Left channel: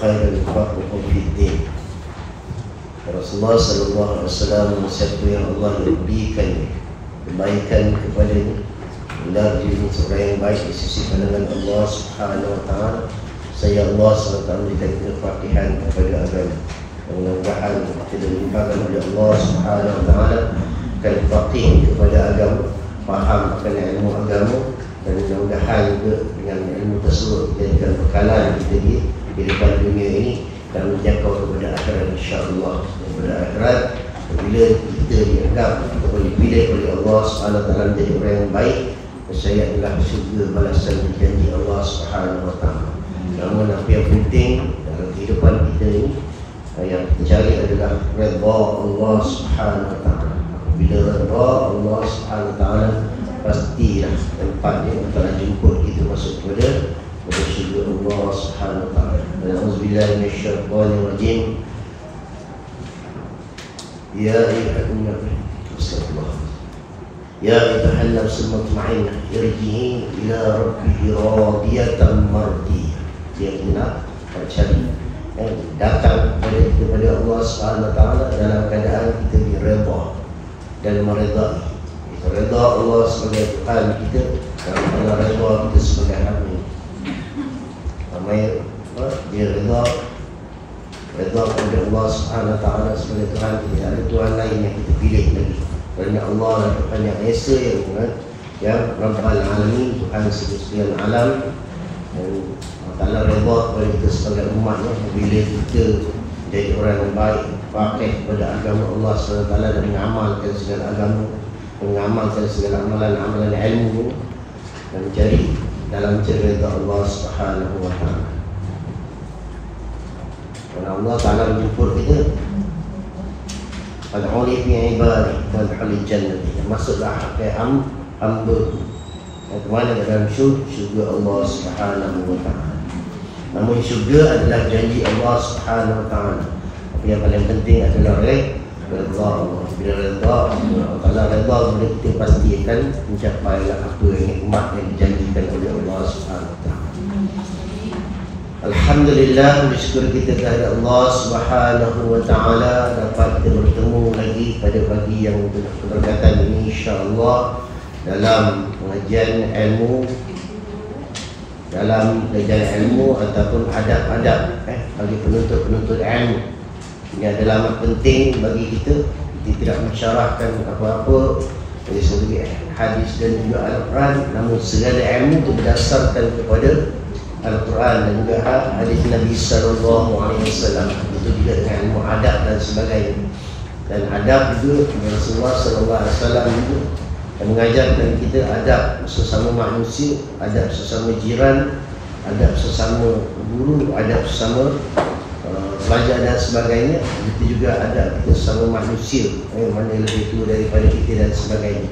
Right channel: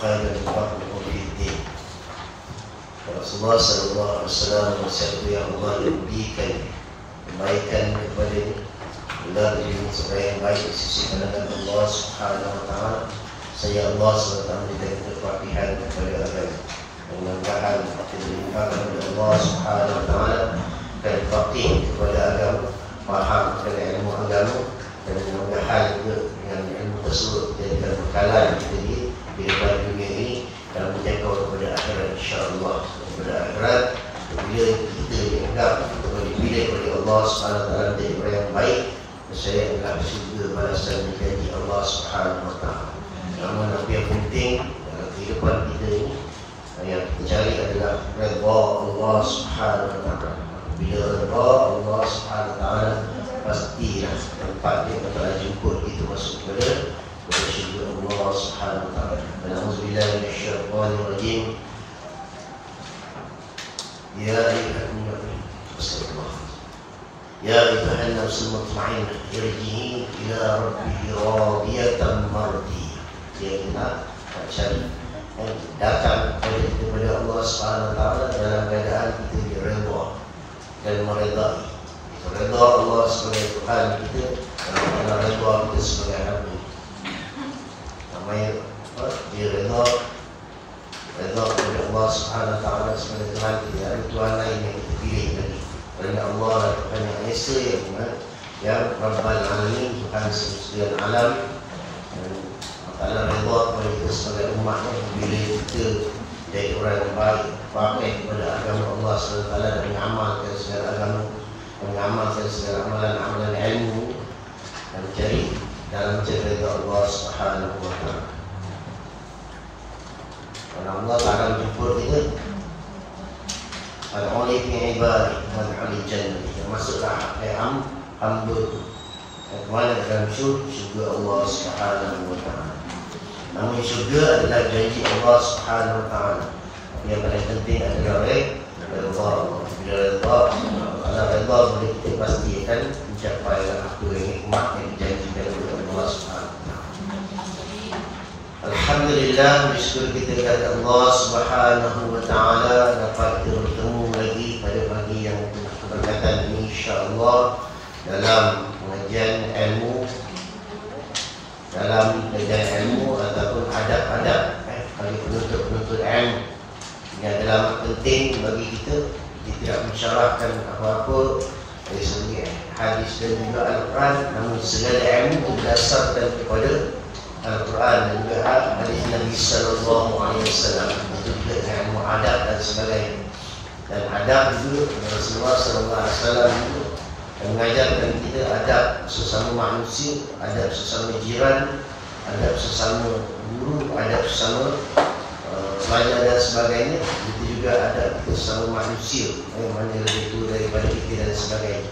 خير يفقهكم في الدين. Rasulullah sallallahu alaihi wasallam bersabda, yang Allah memberikan kebaikan kepadanya, benar diri seorang yang baik di sisi pandangan Allah Subhanahu wa taala. Saya Allah SWT memberikan kepastian kepada agama. Mudah-mudahan kita dilimpahkan oleh Allah Subhanahu wa taala akan faqih kepada agama, faham akan ilmu agama, dan mudah-mudahan juga dengan ilmu tersebut menjadikan bekalan kita di kehidupan dunia ini dan menjangkau kepada akhirat, insya-Allah. Kepada akhirat, bila kita dianggap atau dipilih oleh Allah Subhanahu wa taala menjadi orang yang baik, saya adalah syurga balasan janji Allah Subhanahu wa taala. Namun apa yang penting dalam kehidupan kita ini, yang kita cari adalah redha Allah Subhanahu wa taala. Bila redha Allah Subhanahu wa taala, pastilah tempatnya untuk jemput kita masuk kepada syurga Allah Subhanahu wa taala. Alhamdulillah minasyaitanir rajim. Ya ayyuhan nafsul mutmainnah irji'i ila rabbiki radiyatan mardiyah. Dia benar cari datang kepada Allah Subhanahu wa taala dalam keadaan kita diredha dan meredai. Kita redha Allah sebagai Tuhan kita dan Allah redha kita sebagai hamba. Ramai dia redha kepada Allah Subhanahu wa taala sebagai Tuhan kita. Tidak ada Tuhan lain yang kita pilih lagi. Kerana Allah adalah Tuhan yang Esa, yang Rabbal Alamin, Tuhan sekalian alam. Dan Allah redha kepada kita sebagai umatnya bila kita jadi orang yang baik, pakai kepada agama Allah SWT dan mengamalkan segala agama, mengamalkan segala amalan-amalan ilmu dan mencari dalam cerita Allah Subhanahu wa taala. Dan Allah Ta'ala menjemput kita, Ad'uni fi ibadi wadkhuli jannah, masuklah ke hamba ke mana? Ke dalam syurga Allah Subhanahu wa taala. Namun syurga adalah janji Allah Subhanahu wa taala. Tapi yang paling penting adalah redha. Bila redha, Allah redha, boleh kita pastikan mencapailah apa yang nikmat yang dijanjikan oleh Allah Subhanahu wa taala. Alhamdulillah, bersyukur kita kepada Allah Subhanahu wa taala dapat kita bertemu lagi pada pagi yang berkaitan ini, insya-Allah, dalam pengajian ilmu, ataupun adab-adab bagi penuntut ilmu. Ini adalah amat penting bagi kita. Kita tidak mensyarahkan apa-apa dari segi hadis dan juga Al-Quran, namun segala ilmu itu berdasarkan kepada Al-Quran dan juga hadis Nabi sallallahu alaihi wasallam. Itu juga dengan ilmu adab dan sebagainya. Dan adab juga Rasulullah sallallahu alaihi wasallam juga mengajarkan kita adab sesama manusia, adab sesama jiran, adab sesama guru, adab sesama pelajar dan sebagainya. Itu juga adab kita sesama manusia, mana lebih tua daripada kita dan sebagainya.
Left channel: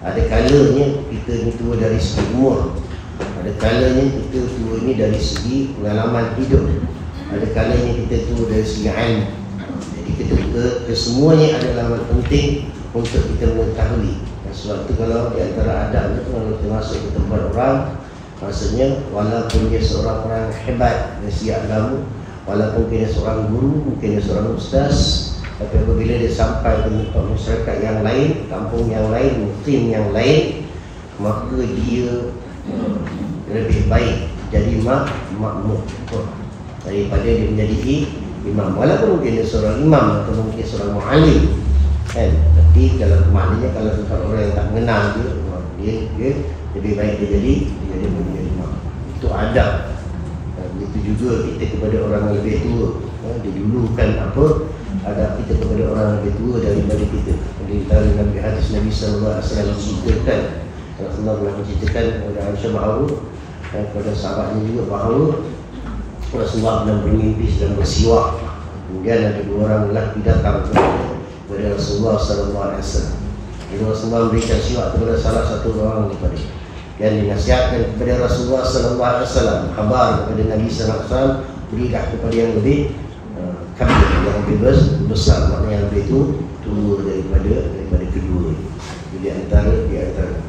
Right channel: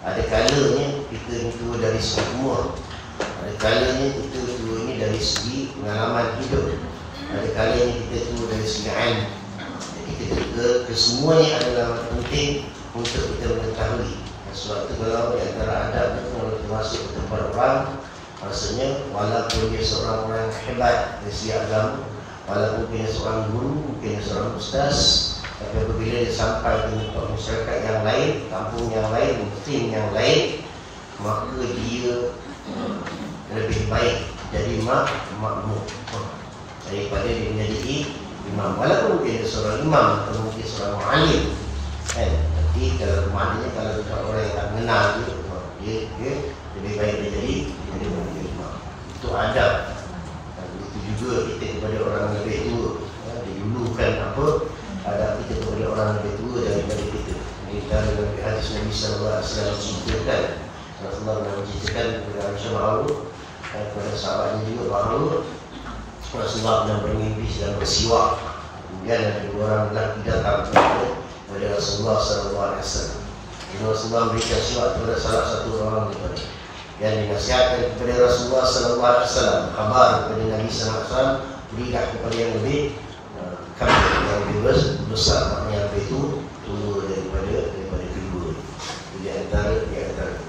Ada kalanya kita ni tua dari segi umur, ada kalanya kita tua ini dari segi pengalaman hidup, ada kalanya kita tua dari segi ilmu. Jadi kita kesemuanya adalah penting untuk kita mengetahui. Sebab itu kalau di antara adab itu, kalau kita masuk ke tempat orang, maksudnya walaupun dia seorang orang hebat dari segi agama, walaupun dia seorang guru, mungkin dia seorang ustaz, tapi apabila dia sampai ke tempat masyarakat yang lain, kampung yang lain, muslim yang lain, maka dia lebih baik jadi makmum daripada dia menjadi imam. Walaupun mungkin dia seorang imam atau mungkin seorang mu'alim, kan? Tapi kalau maknanya kalau tempat orang yang tak mengenal dia lebih baik dia jadi imam. Itu adab. Itu juga kita kepada orang yang lebih tua, didulukan apa adab kita kepada orang yang lebih tua daripada kita. Jadi dalam Nabi hadis Nabi sallallahu alaihi wasallam ceritakan, Rasulullah pernah menceritakan kepada Aisyah bahawa kepada sahabatnya juga bahawa Rasulullah pernah bermimpi sedang bersiwak. Kemudian ada dua orang lelaki datang kepada Rasulullah sallallahu alaihi wasallam. Rasulullah memberikan siwak kepada salah satu orang daripada dan dinasihatkan kepada Rasulullah sallallahu alaihi wasallam, khabar kepada Nabi sallallahu alaihi wasallam, berilah kepada yang lebih kabir, yang lebih besar, maknanya yang lebih tua daripada kedua. Jadi antara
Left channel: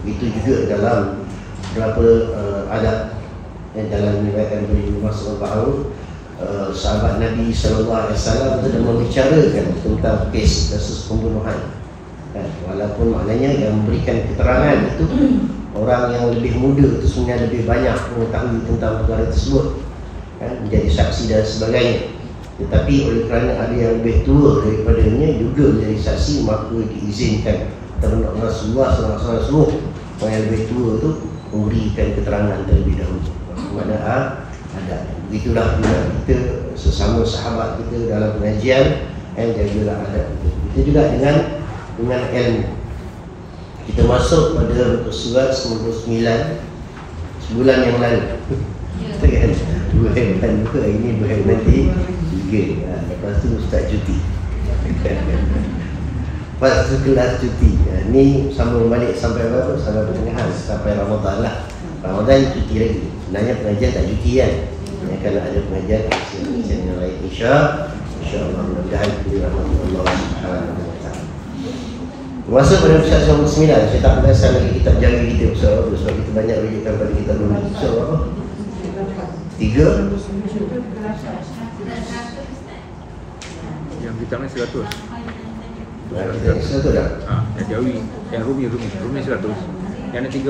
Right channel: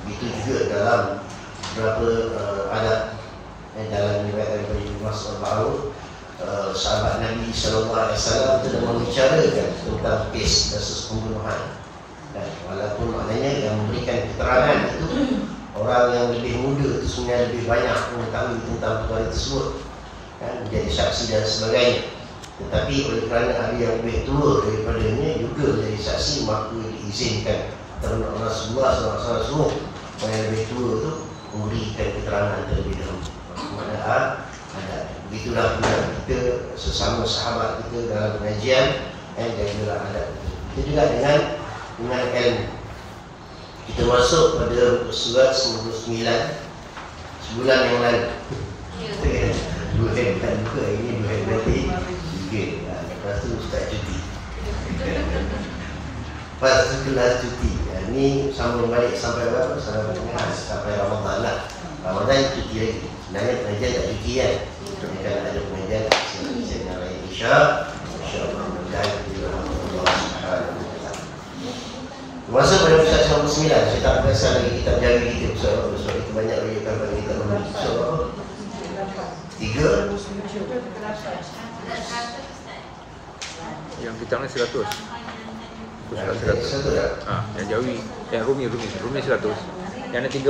itu juga dalam beberapa adab dalam riwayat daripada Ibnu Mas'ud bahawa sahabat Nabi SAW sudah membicarakan tentang kes kasus pembunuhan. Walaupun maknanya yang memberikan keterangan itu orang yang lebih muda itu sebenarnya lebih banyak mengetahui tentang perkara tersebut, menjadi saksi dan sebagainya. Tetapi oleh kerana ada yang lebih tua daripadanya juga menjadi saksi, maka diizinkan terhadap Rasulullah SAW orang yang lebih tua itu memberikan keterangan terlebih dahulu. Maknanya ada. Begitulah juga kita sesama sahabat kita dalam pengajian, jagalah adab itu. Itu juga dengan ilmu. Kita masuk pada surat 99 sebulan yang lalu. Kan 2 hari juga, hari ini 2 hari nanti 3. Lepas tu Ustaz cuti. Lepas tu kelas cuti. Ni sambung balik sampai berapa? Sampai pertengahan, sampai Ramadan lah. Ramadan cuti lagi. Sebenarnya pengajian tak cuti kan. Kalau ada pengajian yang lain, insya-Allah mudah-mudahan kita rahmatullah subhanahu wa taala. Masuk pada surat 99, saya tak perasan lagi kitab jari kita soal apa, sebab kita banyak rujukan pada kitab menulis. Soal apa? 3 yang kita nak 100. Kita 100 dah. Yang Jawi, yang Rumi 100. Yang ada 38.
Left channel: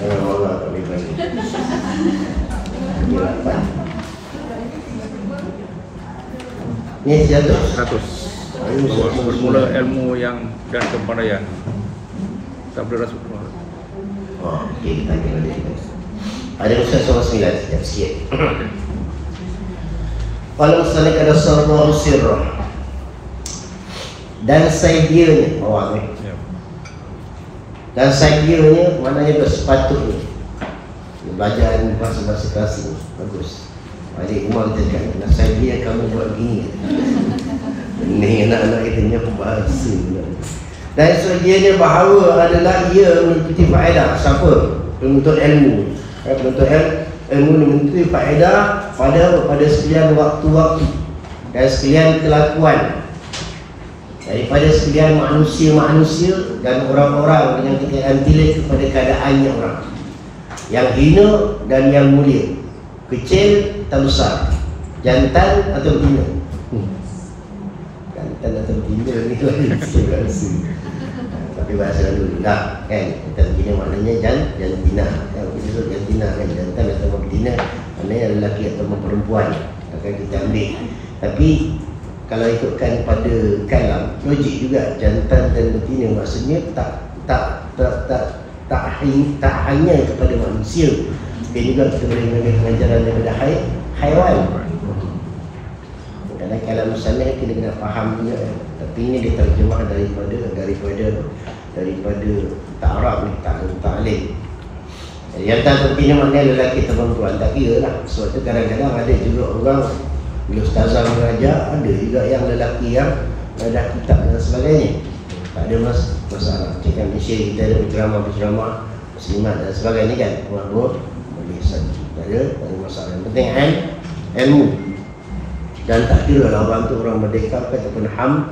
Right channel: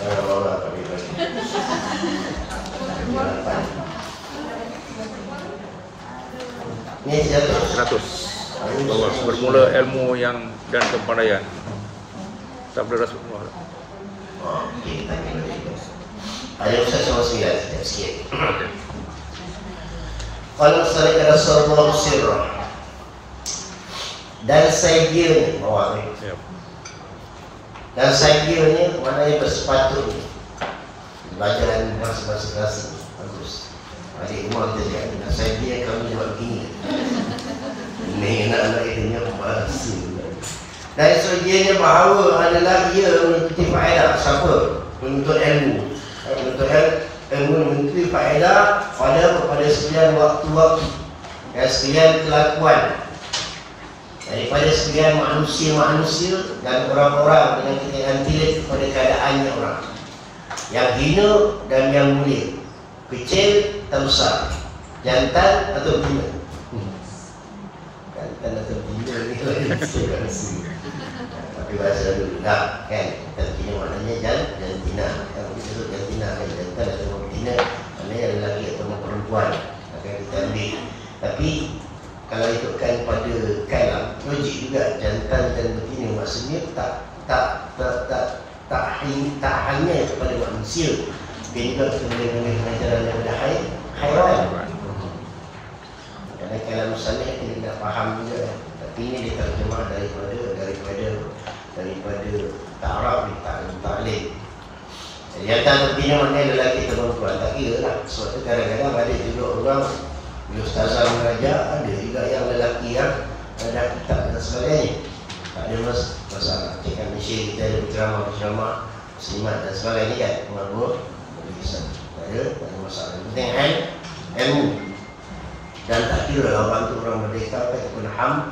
Malah kami balik. 8. Ni 100. Semula ilmu yang dan kepandaian. Tak boleh rasa. Okey, kita tanya balik. Ada usaha sama 9 sekejap sikit. Kalau misalnya ada sallallahu sirrah dan sayyidnya bawah ni. Dan sayyidnya maknanya bersepatutnya. Belajar bahasa-bahasa klasik bagus. Balik rumah kita cakap, dan sayyidnya kamu buat begini. Ini anak-anak kita punya bahasa. Dan sayyidnya bahawa adalah ia menuntut faedah. Siapa? Penuntut ilmu. Penuntut ilmu menuntut faedah pada sekalian waktu-waktu dan sekalian kelakuan, daripada sekalian manusia-manusia dan orang-orang yang kita antilit kepada keadaannya orang yang hina dan yang mulia, kecil atau besar, jantan atau betina. Jantan atau betina ni lagi tapi bahasa dulu lah kan, kita betina maknanya jantina kan, kita sebut jantina kan, jantan atau betina maknanya lelaki atau perempuan akan kita ambil. Tapi kalau ikutkan pada kalam logik juga, jantan dan betina maksudnya tak hanya kepada manusia, dia juga kita boleh mengambil pengajaran daripada haiwan. Kadang kalam misalnya kita kena faham juga, tapi ini diterjemah daripada ta'arab ni, ta'alim. Jantan atau betina maknanya lelaki atau perempuan, tak kira lah. Sebab tu kadang-kadang ada juga orang bila ustazah mengajar, ada juga yang lelaki yang dah kitab dan sebagainya. Tak ada masalah. Cakap Malaysia kita ada penceramah muslimat dan sebagainya kan, mabuk boleh saja. Tak ada masalah. Yang penting ilmu. Dan tak kira lah orang tu orang merdeka ataupun hamba.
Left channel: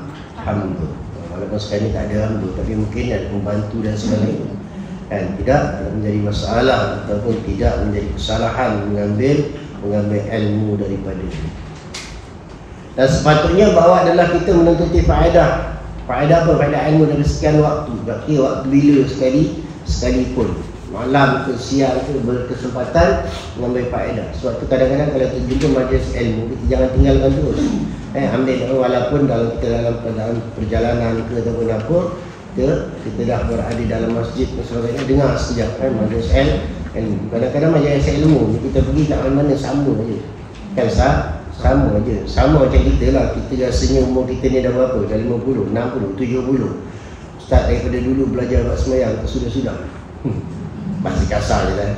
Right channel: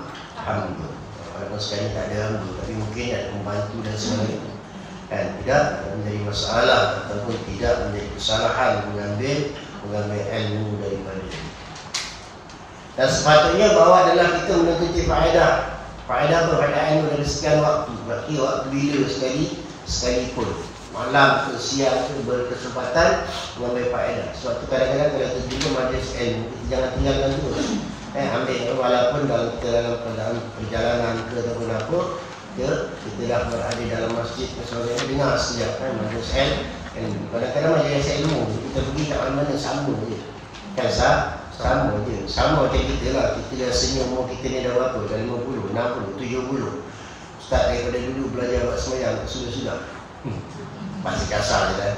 Walaupun sekarang ni tak ada hamba, tapi mungkin ada pembantu dan sebagainya. Dan tidak menjadi masalah ataupun tidak menjadi kesalahan mengambil ilmu daripada. Dan sepatutnya bahawa adalah kita menuntuti faedah. Faedah apa? Faedah ilmu dari sekian waktu. Berarti waktu bila sekalipun. Malam ke siang ke berkesempatan mengambil faedah. Sebab tu kadang-kadang kalau kita jumpa majlis ilmu, kita jangan tinggalkan terus. Ambil walaupun dalam perjalanan ke ataupun apa, kita dah berada dalam masjid dan sebagainya, dengar sekejap majlis ilmu. Kadang-kadang majlis ilmu kita pergi kat mana-mana sama je. Kan sama je. Sama macam kita lah. Kita rasanya umur kita ni dah berapa? Dah 50, 60, 70. Ustaz daripada dulu belajar buat semayang sudah-sudah. Bahasa kasar je lah.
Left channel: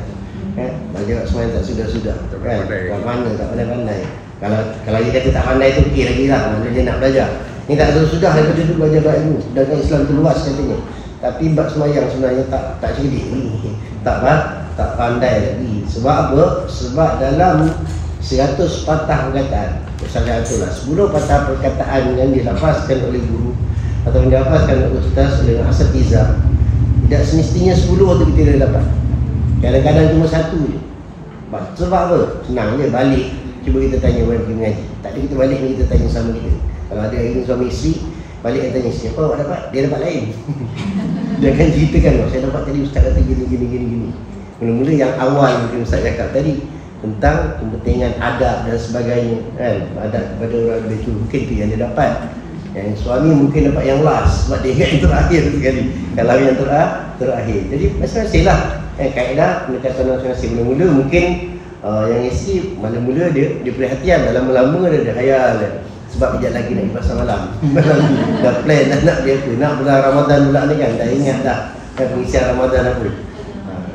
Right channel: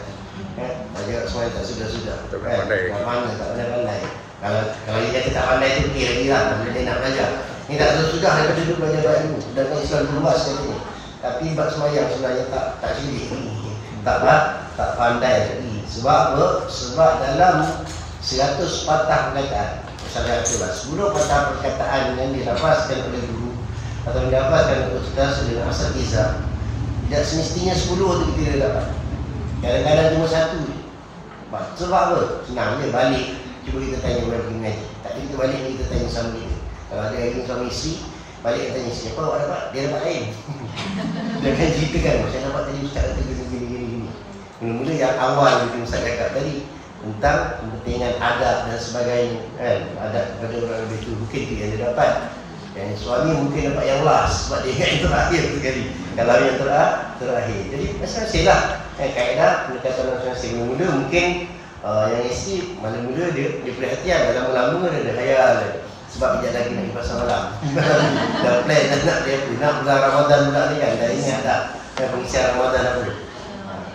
Belajar semayang tak sudah-sudah. Kan? Buat mana tak pandai-pandai. Kalau dia kata tak pandai tu okey lagi lah. Mana dia nak belajar. Ni tak sudah daripada dulu belajar baik dulu. Sedangkan Islam tu luas katanya. Tapi bab semayang sebenarnya tak cerdik ni. Tak pandai lagi. Sebab apa? Sebab dalam 100 patah perkataan, misalnya itulah 10 patah perkataan yang dilafazkan oleh guru atau yang dilafazkan oleh ustaz dengan asatizah, tidak semestinya 10 tu kita dah dapat. Kadang-kadang cuma 1 je. Sebab apa? Senang je balik. Cuba kita tanya orang pergi mengaji. Tak ada kita balik kita tanya sama kita. Kalau ada hari ni suami isteri, balik yang tanya siapa awak dapat? Dia dapat lain. Dia akan ceritakan, saya dapat tadi ustaz kata gini. Mula-mula yang awal mungkin ustaz cakap tadi tentang kepentingan adab dan sebagainya kan. Adab kepada orang lebih tu mungkin tu yang dia dapat. Yang suami mungkin dapat yang last sebab dia ingat yang terakhir sekali. Kalau yang terakhir. Jadi masing-masing lah kaedah pendekatan masing-masing. Mula-mula mungkin yang isteri mula-mula dia perhatian, lama-lama dia hayal sebab kejap lagi nak pergi pasar malam. Dah plan dah nak dia apa, nak bulan Ramadan pula ni kan, dah ingat dah pengisian Ramadan apa.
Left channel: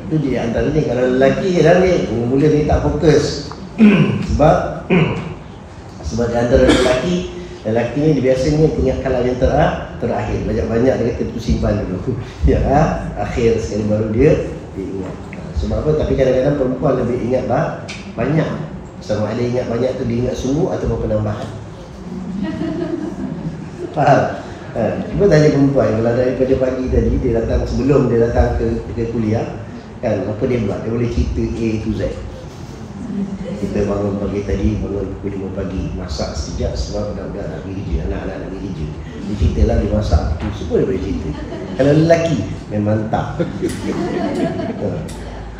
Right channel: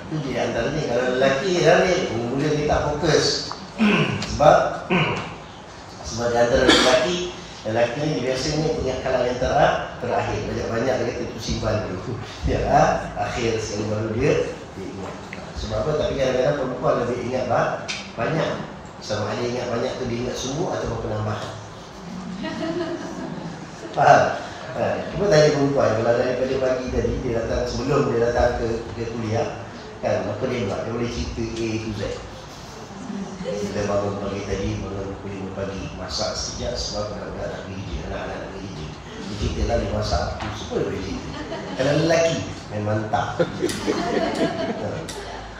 Itu dia antara ni. Kalau lelaki dah ni mula-mula dia tak fokus. sebab di antara lelaki ni biasanya punya kalam yang terakhir. Banyak-banyak dia kata tu simpan dulu. Ya, akhir sekali baru dia ingat. Sebab apa? Tapi kadang-kadang perempuan lebih ingat banyak. Sama ada ingat banyak tu dia ingat semua ataupun penambahan. Faham? Cuba tanya perempuan, kalau daripada pagi tadi dia datang, sebelum dia datang ke kuliah kan, apa dia buat? Dia boleh cerita A to Z. Kita bangun pagi tadi, bangun pukul 5 pagi, masak sejak sebab budak-budak nak pergi kerja, anak-anak nak pergi kerja. Dia ceritalah dia masak tu, semua dia boleh cerita. Kalau lelaki memang tak.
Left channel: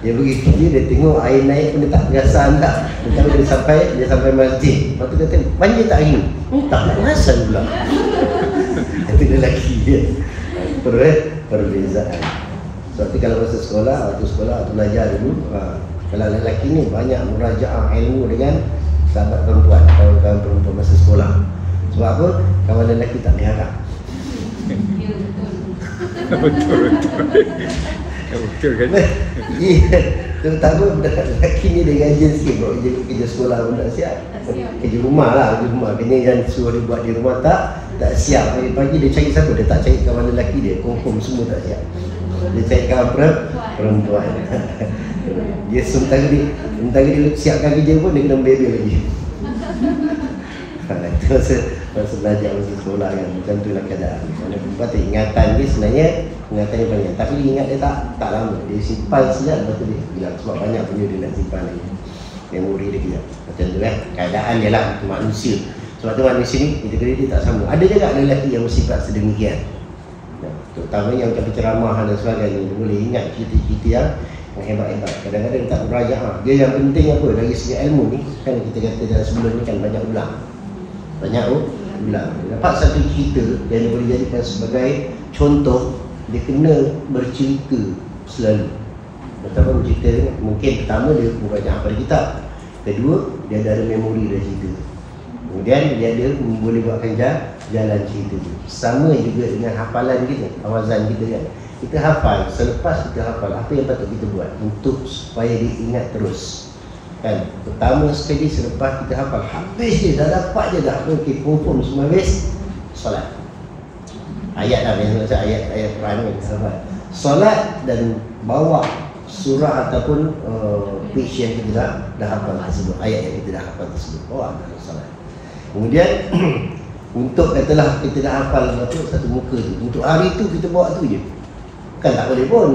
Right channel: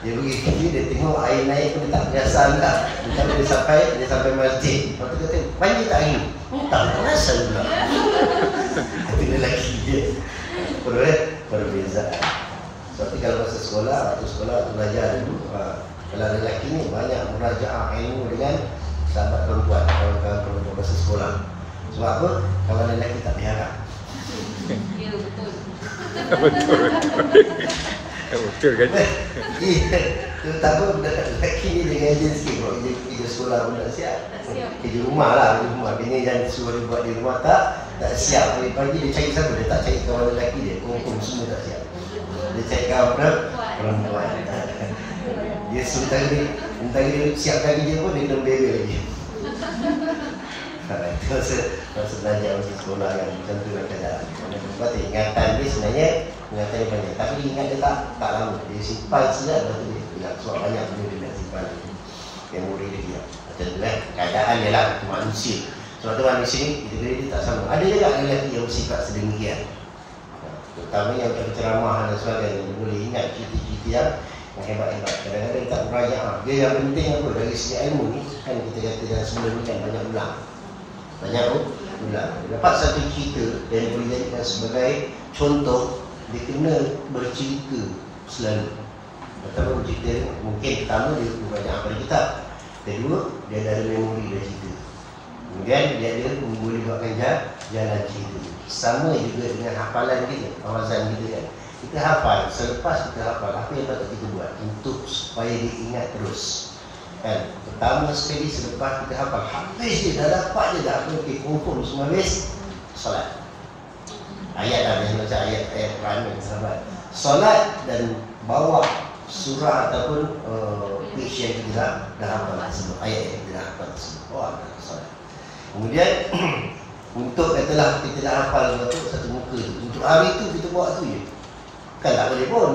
Dia pergi kerja, dia tengok air naik pun dia tak perasan tak. Dia tahu dia sampai masjid. Lepas tu dia kata, banjir tak hari ni? Tak nak perasan pula. Itu lelaki dia. Perbezaan. Tapi kalau masa sekolah atau belajar dulu, kalau lelaki ni banyak merajaah ilmu dengan sahabat perempuan, kawan-kawan perempuan masa sekolah. Sebab apa? Kawan lelaki tak diharap. Betul kan? Terutama budak lelaki ni dia gajian sikit buat kerja sekolah pun tak siap. Kerja rumah lah, kena yang suruh dia buat di rumah tak siap. Pagi-pagi dia cari siapa? Dia tak cari kawan lelaki dia, confirm semua tak siap. Dia cari kawan perempuan. Dia sementara dia siapkan kerja pun dia kena bebel lagi. Itu masa belajar masa sekolah kan, macam tu lah keadaan. Kerana perempuan tu ingatan dia sebenarnya ingatan dia banyak, tapi dia ingat dia tak lama. Dia simpan sekejap, lepas tu dia bilang sebab banyak benda dia nak simpan lagi. Memori dia kejap. Macam tu lah keadaan dia lah, manusia. Sebab tu manusia ni kita dia tak sama. Ada juga lelaki yang bersifat sedemikian. Terutamanya macam penceramah dan sebagainya, dia boleh ingat cerita-cerita yang hebat-hebat. Kadang-kadang dia tak merajaah. Dia yang penting apa? Dari segi ilmu ni, kan kita kata dalam sebelum ni kan banyak ulang. Dia dapat satu cerita yang dia boleh jadikan sebagai contoh. Dia kena bercerita selalu. Betapa bercerita ni, mungkin pertama dia banyak hafal kitab. Kedua, dia ada memori dari cerita. Kemudian dia ada boleh buatkan jalan cerita tu. Sama juga dengan hafalan kita, hafazan kita kan. Kita hafal, selepas kita hafal apa yang patut kita buat untuk supaya dia ingat terus. Kan? Pertama sekali selepas kita hafal, habis je, dah dapat je dah. Okay, confirm semua habis, solat. Ayat lah, macam ayat Quran kan, sahabat. Solat dan bawa surah ataupun page yang kita dah hafal tersebut, ayat yang kita dah hafal tersebut, bawa dalam solat. Kemudian untuk katalah kita dah hafal satu muka tu, untuk hari tu kita bawa tu je. Kan tak boleh pun.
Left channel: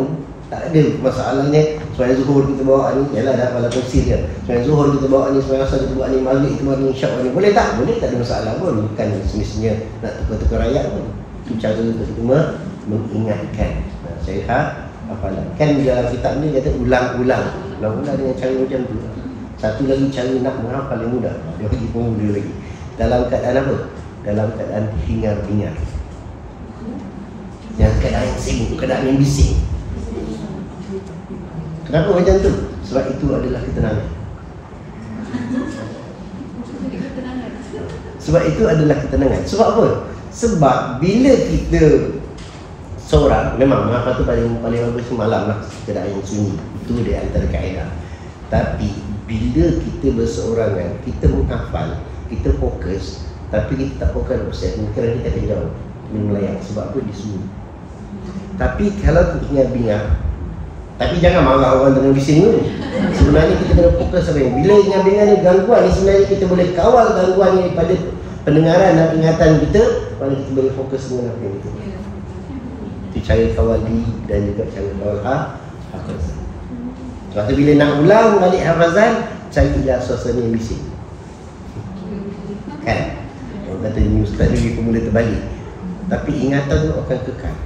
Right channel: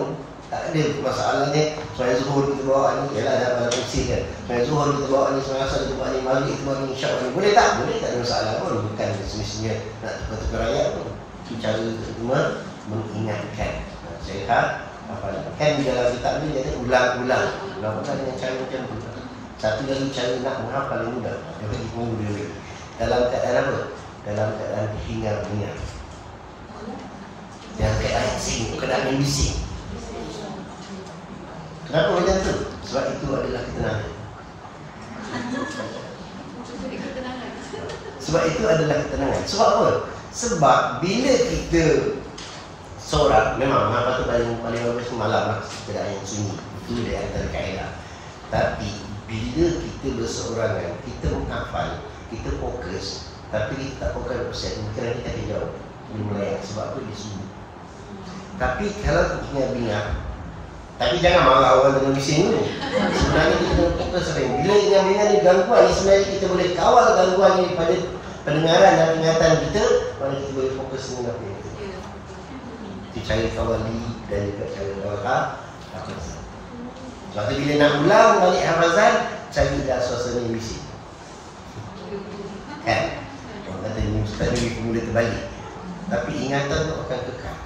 Tak ada masalahnya. Sembahyang zuhur kita bawa ni, yalah dah hafal tafsir kan. Sembahyang zuhur kita bawa ni, sembahyang asar kita bawa ni, maghrib kita bawa ni, isyak ni. Boleh tak? Boleh, tak ada masalah pun. Bukan semestinya nak tukar-tukar ayat pun. Itu cara kita mengingatkan. Saya hafalan. Kan di dalam kitab ni kata ulang-ulang. Ulang-ulang dengan cara macam tu. Satu lagi cara nak menghafal yang mudah. Dia lagi pemuda lagi. Dalam keadaan apa? Dalam keadaan hingar-bingar. Yang keadaan yang sibuk, keadaan yang bising. Kenapa macam tu? Sebab itu adalah ketenangan. Sebab itu adalah ketenangan. Sebab apa? Sebab bila kita seorang, memang menghafal tu paling bagus malam lah, keadaan yang sunyi. Itu dia antara kaedah. Tapi bila kita berseorangan, kita menghafal, kita fokus, tapi kita tak fokus 100%, mungkin kita akan jauh melayang. Sebab apa? Dia sunyi. Tapi kalau hingar-bingar, tapi jangan marah orang dengan bising tu. Sebenarnya kita kena fokus apa yang bila hingar-bingar ni gangguan ni, sebenarnya kita boleh kawal gangguan ni pada pendengaran dan ingatan kita, mana kita boleh fokus dengan apa yang itu. Itu cara kawal diri dan juga cara kawal hafaz. Lepas tu bila nak ulang balik hafazan, carilah suasana yang bising. Kan? Orang kata ni ustaz ni pemula terbalik. Tapi ingatan tu akan kekal.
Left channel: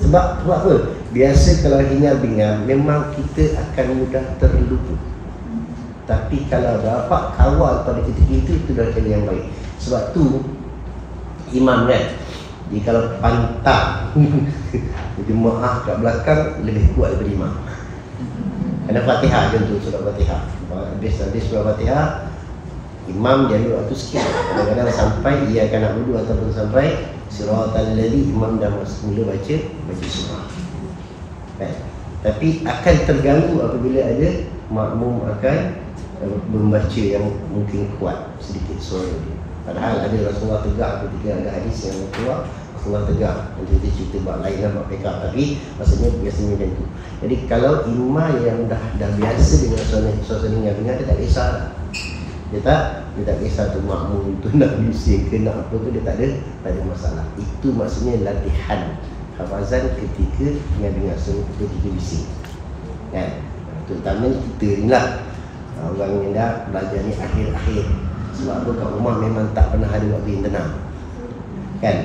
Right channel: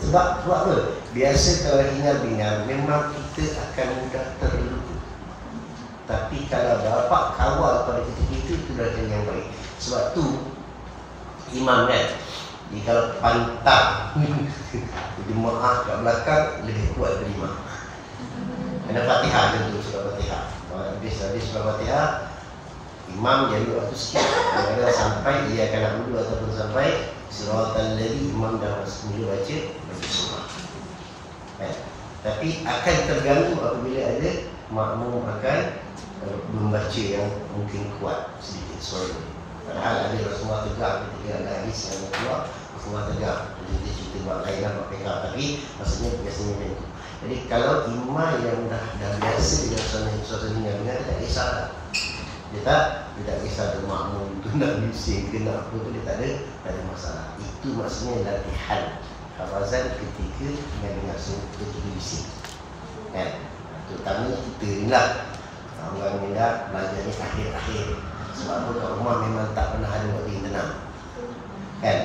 Sebab apa? Biasa kalau hingar-bingar memang kita akan mudah terlupa. Tapi kalau dapat kawal pada ketika itu dah jadi yang baik. Sebab tu imam kan, jadi kalau pantang jemaah kat belakang lebih kuat daripada imam. Ada Fatihah contoh, surah Fatihah. Habis surah Fatihah, imam dia ambil waktu sikit. Kadang-kadang sampai ia akan nak wudu ataupun sampai siratal ladzi, imam dah masuk mula baca surah. Baik. Tapi akan terganggu apabila ada makmum akan membaca yang mungkin kuat sedikit suara dia. Padahal ada Rasulullah tegak ketika ada hadis yang keluar, Rasulullah tegak. Nanti kita cerita bab lain lah, bab PK. Tapi maksudnya biasanya macam tu. Jadi kalau imam yang dah biasa dengan suasana dengar, dia tak kisah lah. Dia tak kisah tu makmum tu nak bising ke nak apa tu, dia tak ada masalah. Itu maksudnya latihan hafazan ketika dengar ketika bising. Kan? Terutama kita ni lah, orang yang dah belajar ni akhir-akhir. Sebab apa, kat rumah memang tak pernah ada waktu yang tenang. Kan?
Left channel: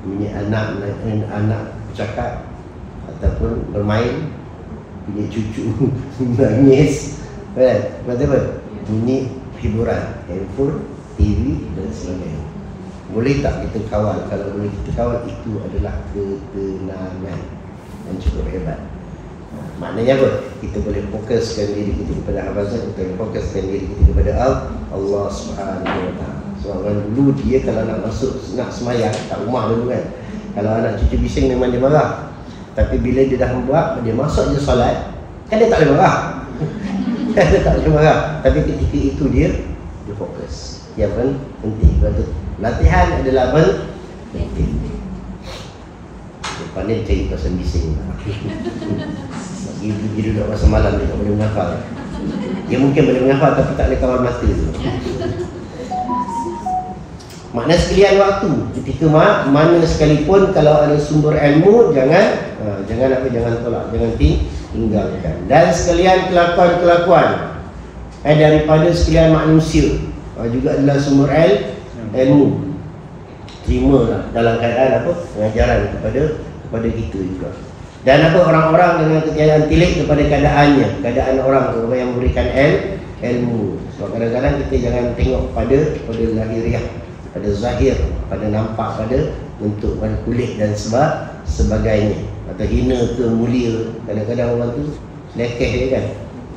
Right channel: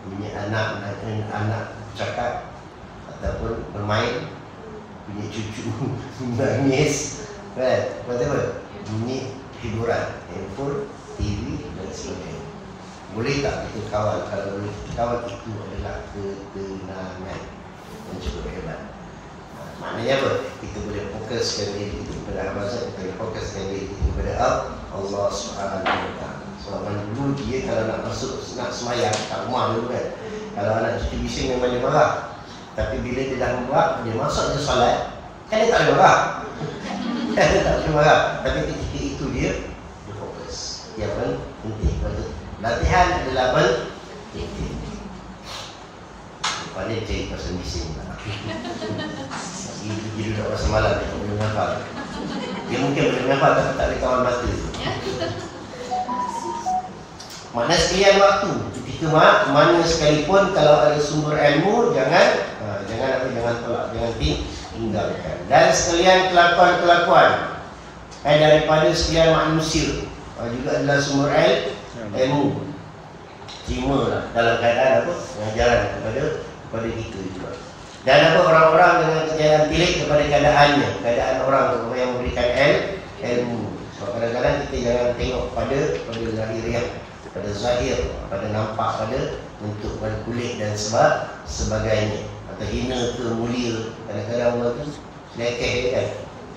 Bunyi anak bercakap ataupun bermain, bunyi cucu nangis, kan? Lepas apa? Bunyi hiburan, handphone, TV dan sebagainya. Boleh tak kita kawal? Kalau boleh kita kawal, itu adalah ketenangan yang cukup hebat. Maknanya apa? Kita boleh fokuskan diri kita kepada hafazan, kita boleh fokuskan diri kita kepada Allah Subhanahu Wa Taala. Sebab orang dulu dia kalau nak masuk, nak semayang kat rumah dulu kan, kalau anak cucu bising memang dia marah. Tapi bila dia dah membuat, dia masuk je solat, kan dia tak boleh marah. Dia tak boleh marah. Tapi ketika itu dia fokus. Yang penting. Latihan adalah penting. Pandai cari kawasan bising. Lagi duduk masa malam dia tak boleh menghafal. Dia mungkin boleh menghafal tapi tak boleh kawal mata tu. Makna sekalian waktu, ketika mana sekalipun kalau ada sumber ilmu, jangan tolak, jangan tinggalkan. Dan sekalian kelakuan-kelakuan daripada sekalian manusia juga adalah sumber ilmu. Terimalah dalam keadaan apa? Pengajaran kepada kita juga. Dan apa, orang-orang dengan ketiadaan tilik kepada keadaan orang tu yang memberikan ilmu. Sebab kadang-kadang kita jangan tengok pada lahiriah, pada zahir, pada nampak, pada bentuk, pada kulit dan sebagainya. Atau hina ke mulia. Kadang-kadang orang tu lekeh je kan.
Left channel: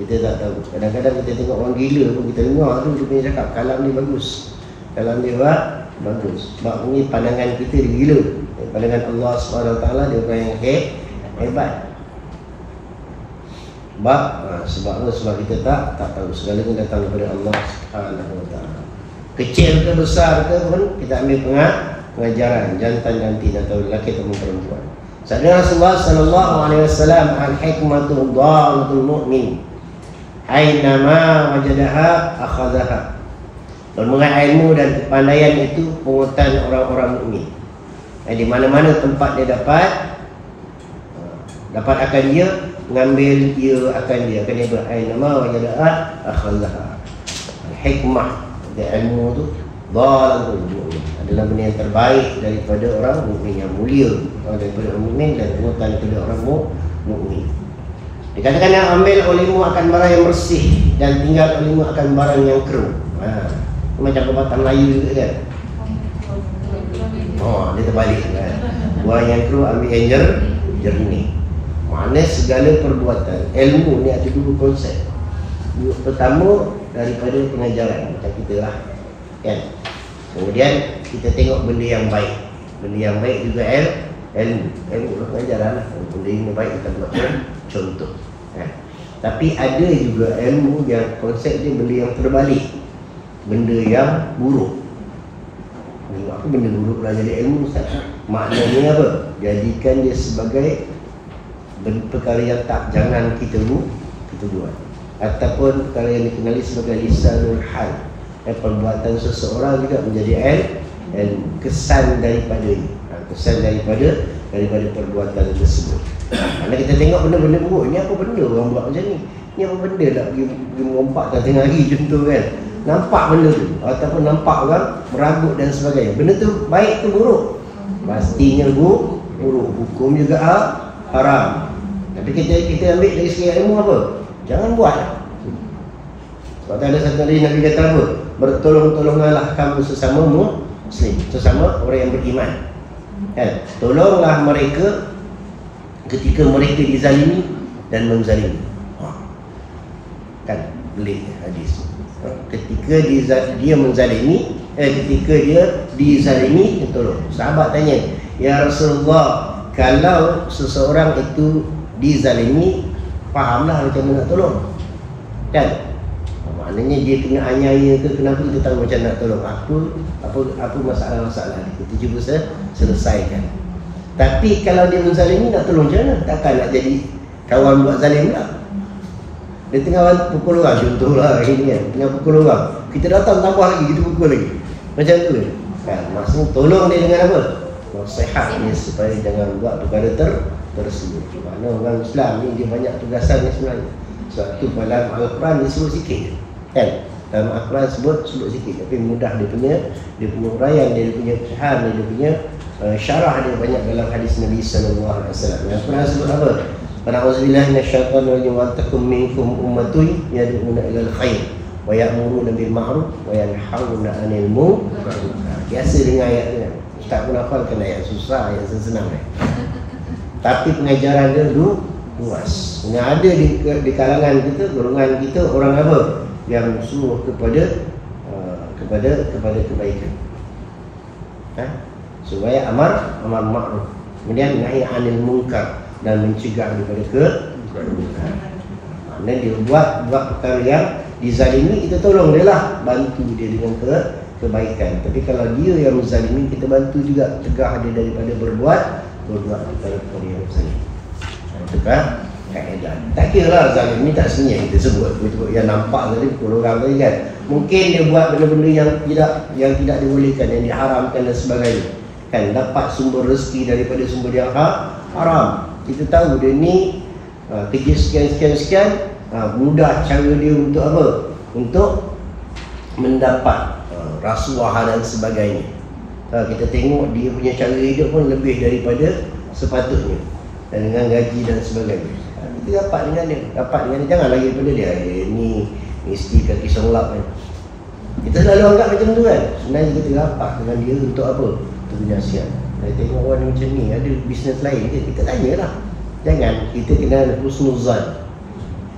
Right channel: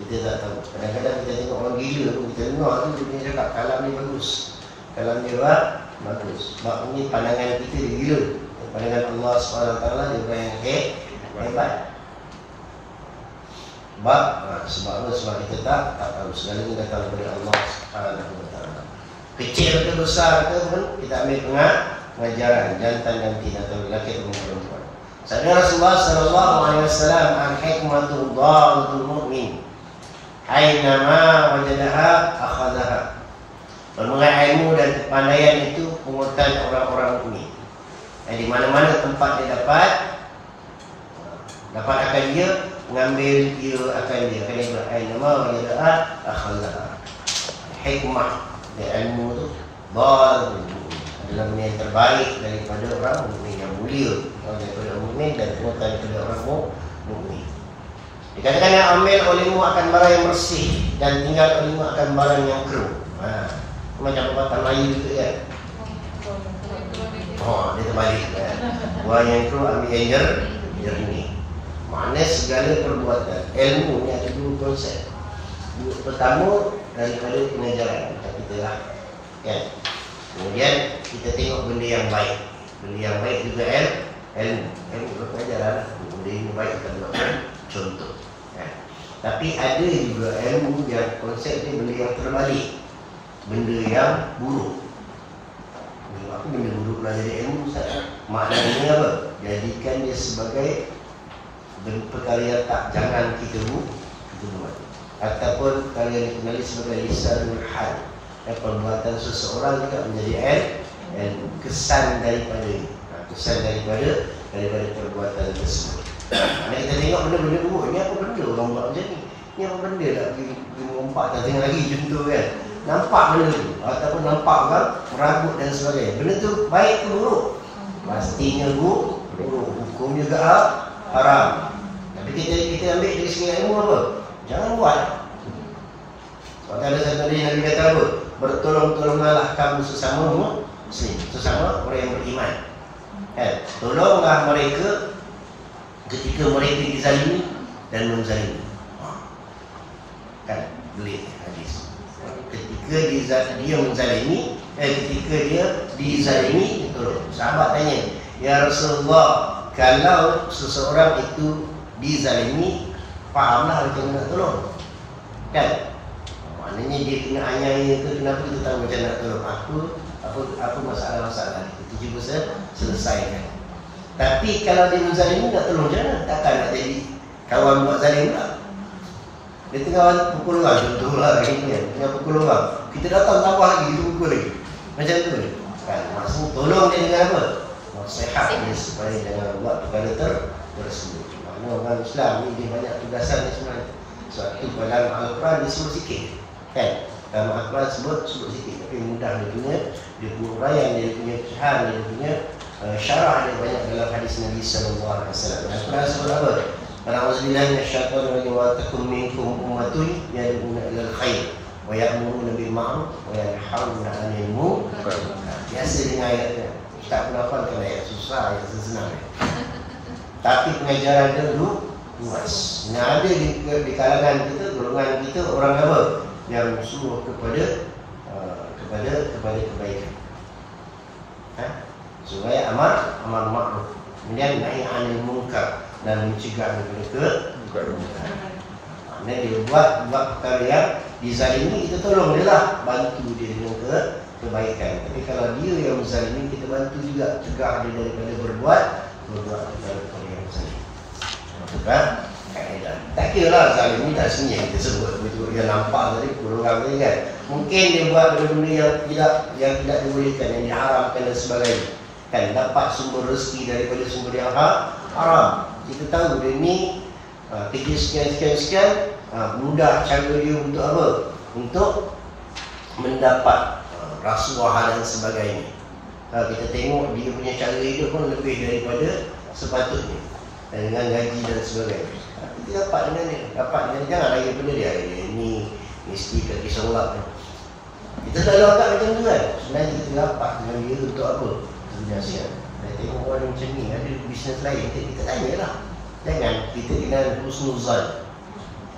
Kita tak tahu. Kadang-kadang kita tengok orang gila pun kita dengar tu dia punya cakap kalam ni bagus. Kalam dia bagus. Sebab ni pandangan kita dia gila. Pandangan Allah SWT dia orang yang hebat. Sebab apa? Sebab kita tak tahu. Segalanya datang daripada Allah SWT. Kecil ke besar ke pun kita ambil pengajaran jantan nanti atau lelaki atau perempuan. Sabda Rasulullah sallallahu alaihi wasallam, al-hikmatu dhalatul mu'min. Ainama wajadaha akhadhaha. Bermengenai ilmu dan kepandaian itu pungutan orang-orang mukmin. Di mana-mana tempat dia dapat akan dia mengambil, dia akan ainama wajadaha akhadhaha. Hikmah dan ilmu tu dhalatul mu'min adalah benda yang terbaik daripada orang mukmin, yang mulia daripada orang mukmin dan pungutan daripada orang mukmin. Dikatakan yang ambil olehmu akan barang yang bersih dan tinggal olehmu akan barang yang keruh. Macam perbuatan Melayu juga kan. Dia terbalik kan. Buang yang keruh ambil yang jernih. Maknanya segala perbuatan, ilmu ni ada dua konsep. Pertama daripada pengajaran macam kita lah kan. Kemudian kita tengok benda yang baik. Benda yang baik juga ilmu lah, pengajaran lah. Benda yang baik kita buat contoh kan. Tapi ada juga ilmu yang konsep dia benda yang terbalik, benda yang buruk. Apa benda buruk lah jadi ilmu Ustaz? Maknanya apa? Jadikan dia sebagai perkara yang tak jangan kita buat, ataupun perkara yang dikenali sebagai lisanul hal. Perbuatan seseorang juga menjadi kesan daripada perbuatan tersebut. Mana kita tengok benda-benda buruk, ni apa benda orang buat macam ni? Ni apa benda nak pergi mengompak tengah hari contoh kan. Nampak benda tu ataupun nampak orang meragut dan sebagainya. Benda tu baik tu buruk? Pastinya buruk. Hukum juga haram. Tapi kita ambil dari segi ilmu apa? Jangan buat. Sebab ada satu hari Nabi kata apa? Bertolong-tolonganlah kamu sesama Muslim, sesama orang yang beriman. Kan? Tolonglah mereka ketika mereka dizalimi dan menzalimi. Kan? Belik hadis. Ketika dia menzalimi, ketika dia dizalimi, tolong. Sahabat tanya, ya Rasulullah, kalau seseorang itu dizalimi, fahamlah macam mana nak tolong. Kan? Maknanya dia kena aniaya ke, kenapa kita tahu macam nak tolong. Apa masalah-masalah itu cuba selesaikan. Tapi kalau dia menzalimi, nak tolong macam mana? Takkan nak jadi kawan buat zalim pula. Dia tengah pukul orang, contohlah ini kan, tengah pukul orang, kita datang tambah lagi, kita pukul lagi. Macam tu kan? Maksudnya tolong dia dengan apa? Nasihat dia supaya jangan buat perkara tersebut. Mana orang Islam ni dia banyak tugasan ni sebenarnya. Sebab tu dalam Al-Quran dia sebut sikit kan? Dalam Al-Quran sebut sikit, tapi mudah dia punya uraian, dia punya pecahan, dia punya syarah dia banyak dalam hadis Nabi sallallahu alaihi wasallam. Al-Quran sebut apa? A'udzubillahi minasyaitonir rajim wa takum minkum ummatun yad'una ilal khair wa ya'muruna bil ma'ruf wa yanhauna 'anil munkar. Biasa dengan ayat ni. Ustaz pun hafalkan ayat susah, ayat senang ni. Tapi pengajaran dia luas. Yang ada di kalangan kita, golongan kita orang apa? Yang suruh kepada kebaikan. Supaya amar ma'ruf. Kemudian nahi 'anil munkar dan mencegah daripada keburukan. Maknanya dia buat perkara yang dizalimi, kita tolong dia lah, bantu dia dengan kebaikan. Tapi kalau dia yang menzalimi, kita bantu juga, cegah dia daripada berbuat perkara yang zalim. Itu kan kaedah. Tak kira lah zalim ni tak sebenarnya kita sebut yang nampak tadi pukul orang tadi kan. Mungkin dia buat benda-benda yang tidak dibolehkan, yang diharamkan dan sebagainya. Kan dapat sumber rezeki daripada sumber yang haram. Kita tahu dia ni kerja sekian, mudah cara dia untuk apa? Untuk mendapat rasuah dan sebagainya. Kita tengok dia punya cara hidup pun lebih daripada sepatutnya, dan dengan gaji dan sebagainya. Kita dapat dengan dia, jangan lagi daripada dia. Ni mesti kaki solap kan. Kita selalu anggap macam tu kan. Sebenarnya kita dapat dengan dia untuk apa? Untuk penyiasat. Saya tengok orang macam ni, ada bisnes lain ke? Kita tanyalah. Jangan, kita kena husnuzan.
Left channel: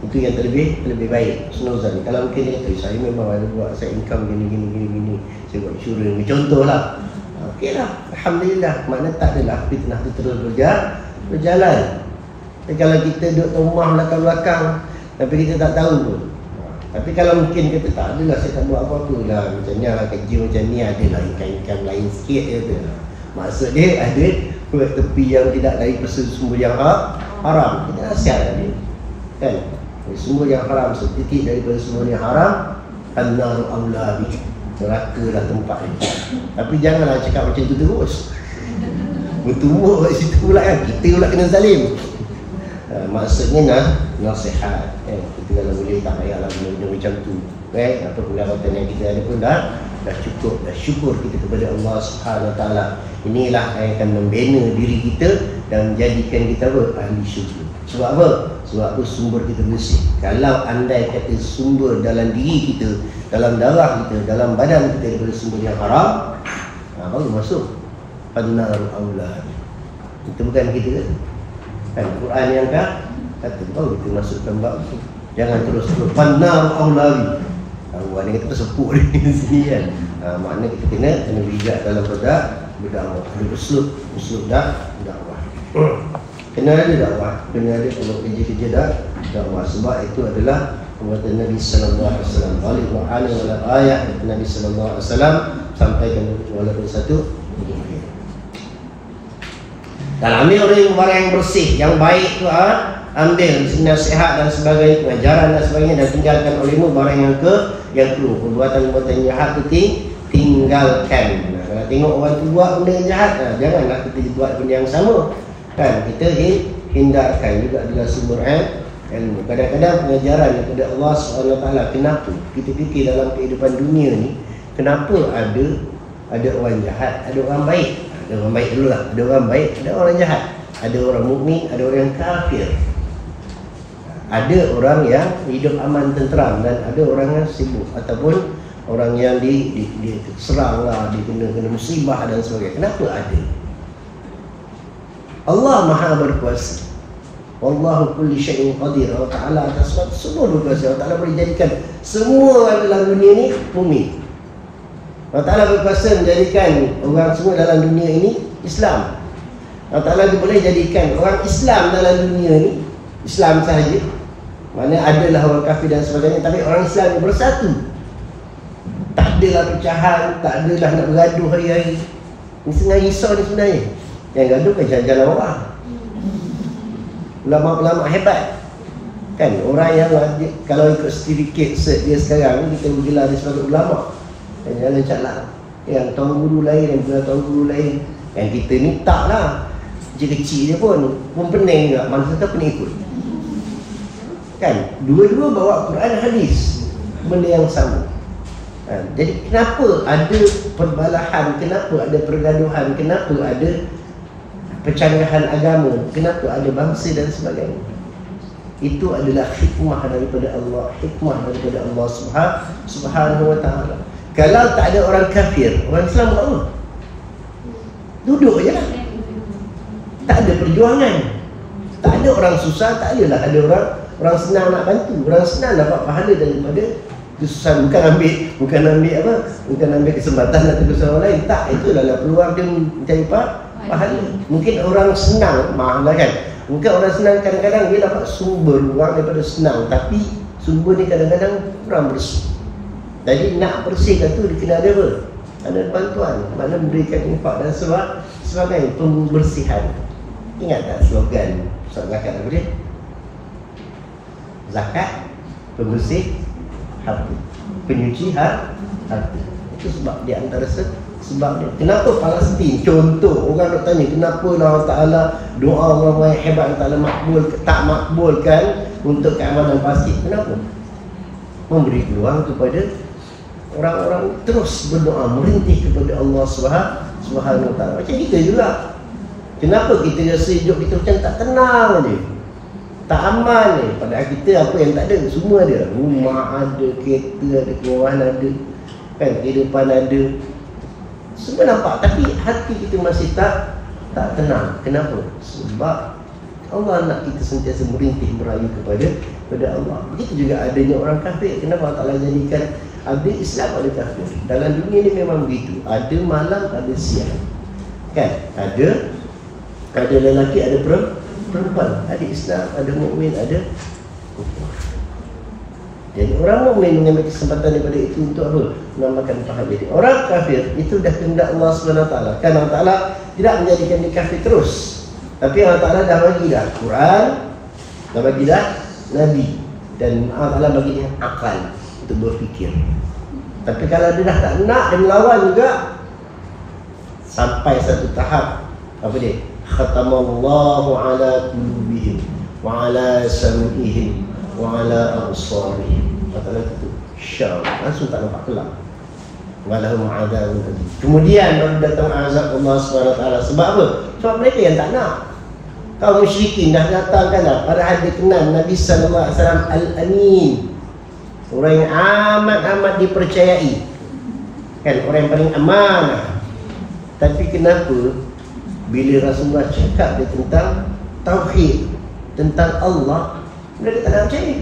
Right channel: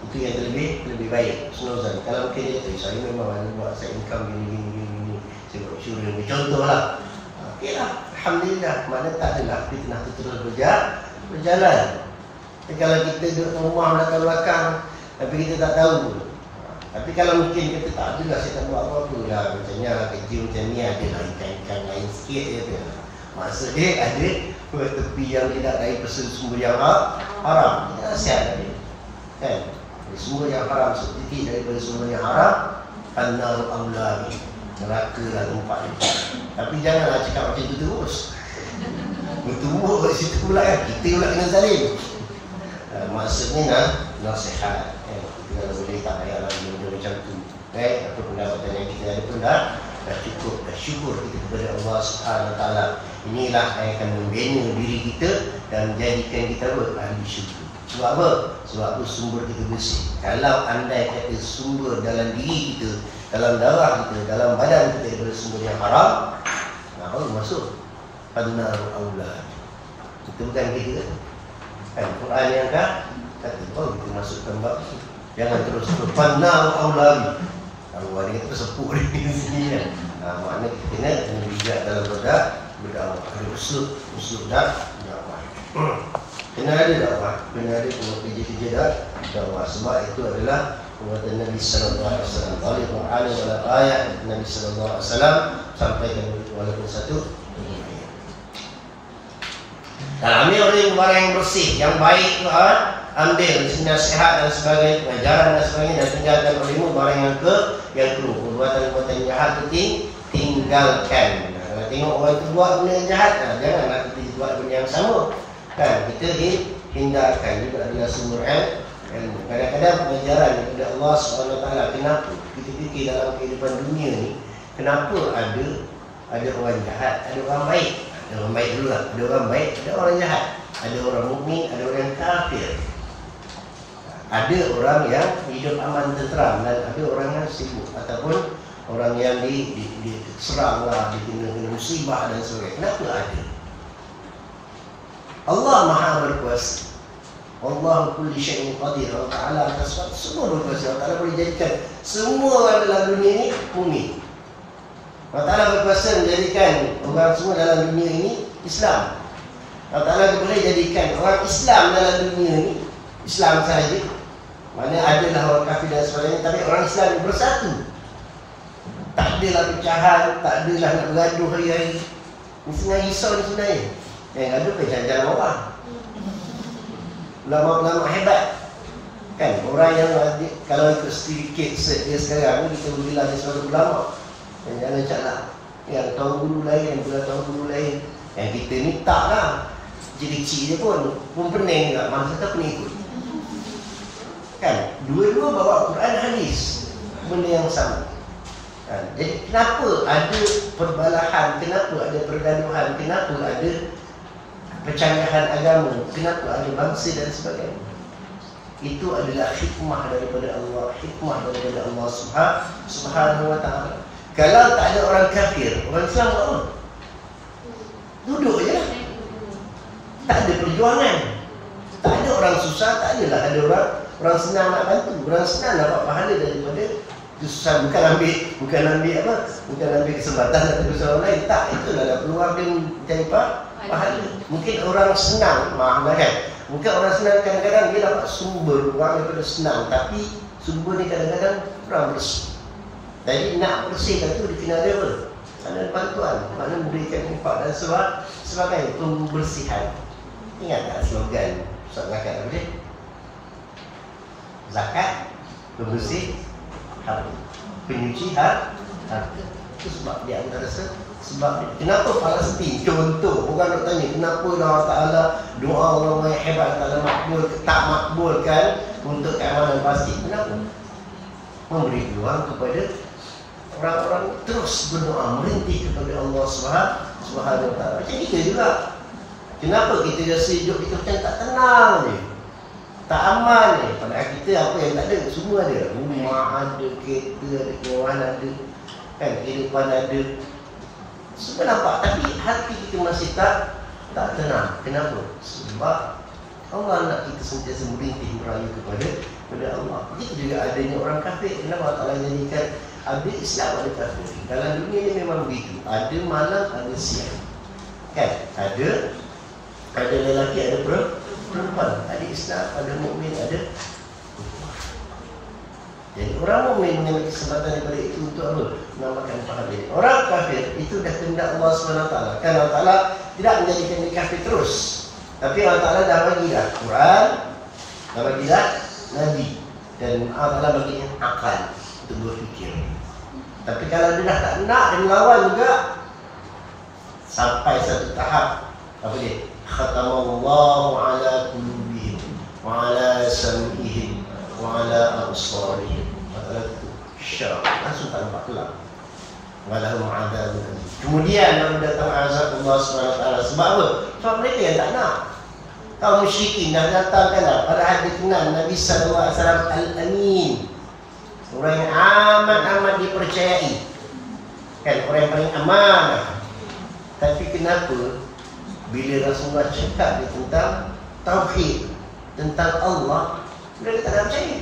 Itu yang terlebih baik, husnuzan. Kalau mungkin dia kata, saya memang ada buat, saya income gini, saya buat insurans, contohlah. Okeylah, Alhamdulillah. Maknanya tak adalah fitnah tu terus berjalan. Tapi kalau kita duduk rumah belakang-belakang, tapi kita tak tahu pun. Tapi kalau mungkin kita tak adalah, saya tak buat apa-apa lah, macam ni lah, kerja macam ni, adalah income lain sikit je. Maksud dia ada tepi yang tidak dari sumber yang haram. Kita nasihat tadi kan, sumber yang haram, setitik daripada sumber yang haram, annaru aulabi, neraka lah tempat dia. Tapi janganlah cakap macam tu terus, bertumbuk kat situ pula kan, kita pula kena zalim. Maksudnya nasihat kan? Kita kalau boleh tak payahlah benda-benda macam tu kan? Apa pendapatan yang kita ada pun dah cukup, dah syukur kita kepada Allah Subhanahu Wa Taala. Inilah yang akan membina diri kita dan menjadikan kita apa? Ahli syurga. Sebab apa? Sebab apa? Sumber kita bersih. Kalau andai kata sumber dalam diri kita, dalam darah kita, dalam badan kita daripada sumber yang haram, baru masuk annaru aulad. Itu bukan kita kan? Quran yang kata baru kita masukkan bab tu. Jangan terus annaru aulad. Tahu ada kata tersepuk di sini kan. Maknanya kita kena bijak dalam berdakwah. Ada uslub dakwah. Kena ada dakwah, kena ada kerja-kerja dakwah. Sebab itu adalah perbuatan Nabi sallallahu alaihi wasallam. Balik dalam ayat Nabi sallallahu alaihi wasallam sampaikan walaupun satu ayat. Dan ambil orang yang bersih, yang baik tu ambil nasihat dan sebagainya, pengajaran dan sebagainya, dan tinggalkan olehmu barang yang keluar. Perbuatan-perbuatan jahat tu tinggalkan. Kalau tengok orang tu buat benda yang jahat, janganlah kita buat benda yang sama kan. Kita hindarkan juga adalah ilmu. Kadang-kadang pengajaran daripada Allah SWT, kenapa kita fikir dalam kehidupan dunia ni, kenapa ada orang jahat, ada orang baik. Ada orang baik dulu lah, ada orang baik, ada orang jahat, ada orang mukmin, ada orang yang kafir, ada orang yang hidup aman tenteram, dan ada orang yang sibuk ataupun orang yang diserang lah, kena musibah dan sebagainya. Kenapa ada? Allah Maha berkuasa. Wallahu kulli syai'in qadir. Allah Ta'ala atas semua berkuasa. Allah Ta'ala boleh jadikan semua orang dalam dunia ni mukmin. Allah Ta'ala berkuasa menjadikan orang semua dalam dunia ini Islam. Allah Ta'ala boleh jadikan orang Islam dalam dunia ni Islam sahaja. Mana adalah orang kafir dan sebagainya, tapi orang Islam ni bersatu. Tak adalah pecahan, tak adalah nak bergaduh hari-hari. Ini sebenarnya risau ni sebenarnya. Yang gaduh kan jalan-jalan orang. Ulama-ulama hebat kan, orang yang kalau ikut sertifikat cert dia sekarang, kita bergelar dia sebagai ulama. Yang jalan cakap, yang tuan guru lain, yang gelar tuan guru lain. Yang kita ni tak lah, kecil-kecil je pun pening juga, manusia tak penikut kan. Dua-dua bawa Quran hadis, benda yang sama kan. Jadi kenapa ada perbalahan, kenapa ada pergaduhan, kenapa ada pencanggahan agama, kenapa ada bangsa dan sebagainya? Itu adalah hikmah daripada Allah, hikmah daripada Allah Subhanahu wa ta'ala. Kalau tak ada orang kafir, orang Islam buat apa? Duduk je lah, tak ada perjuangan, tak ada orang susah, tak adalah ada orang senang nak bantu, orang senang dapat pahala daripada kesusahan. Bukan ambil kesempatan atau kesempatan orang lain, tak, itulah peluang dia mencari pahala. Mungkin orang senang, maaf lah kan, mungkin orang senang kadang-kadang dia dapat sumber uang daripada senang, tapi sumber ni kadang-kadang kurang bersih. Jadi nak bersihkan tu dikena ada apa? Ada bantuan, mana memberikan infak dan sebagainya, pembersihan. Ingat tak slogan Ustaz Zakat apa dia? Zakat pembersih hati, penyuci hati. Itu sebab di antara sebab dia. Kenapa Palestin? Contoh, orang nak tanya kenapa Allah Ta'ala doa orang yang hebat Allah Ta'ala tak makbulkan untuk keamanan pasti. Kenapa? Memberi peluang kepada orang-orang terus berdoa, merintih kepada Allah Subhanahu wa ta'ala. Macam kita juga. Kenapa kita rasa hidup kita macam tak tenang je, tak aman je? Padahal kita apa yang tak ada, semua ada. Rumah ada, kereta ada, keluaran ada kan, kehidupan ada, semua nampak, tapi hati kita masih tak tenang. Kenapa? Sebab Allah nak kita sentiasa merintih, merayu kepada Allah. Begitu juga adanya orang kafir. Kenapa Allah Ta'ala jadikan ada Islam, ada kafir? Dalam dunia ni memang begitu, ada malam, ada siang kan, ada lelaki, ada perempuan, ada Islam, ada mukmin, ada kufur. Jadi orang mukmin mengambil kesempatan daripada itu untuk apa? Menambahkan pahala dia. Orang kafir itu dah kehendak Allah SWT. Kan Allah Ta'ala tidak menjadikan dia kafir terus, tapi Allah Ta'ala dah bagi dah Quran, dah bagi dah Nabi, dan Allah Ta'ala bagi dia akal untuk berfikir. Tapi kalau dia dah tak nak, dia melawan juga, sampai satu tahap apa dia? Khatamallahu ala qulubihim wa ala sam'ihim wa ala absarihim. Allah tutup, syam, langsung tak nampak kelak. Walahum adzabun alim. Kemudian baru datang azab Allah SWT. Sebab apa? Sebab mereka yang tak nak. Kaum musyrikin dah datangkan dah, padahal dia kenal Nabi SAW Al-Amin, orang yang amat-amat dipercayai kan, orang yang paling amanah. Tapi kenapa bila Rasulullah cakap dia tentang tauhid, tentang Allah, mereka tak nak percaya?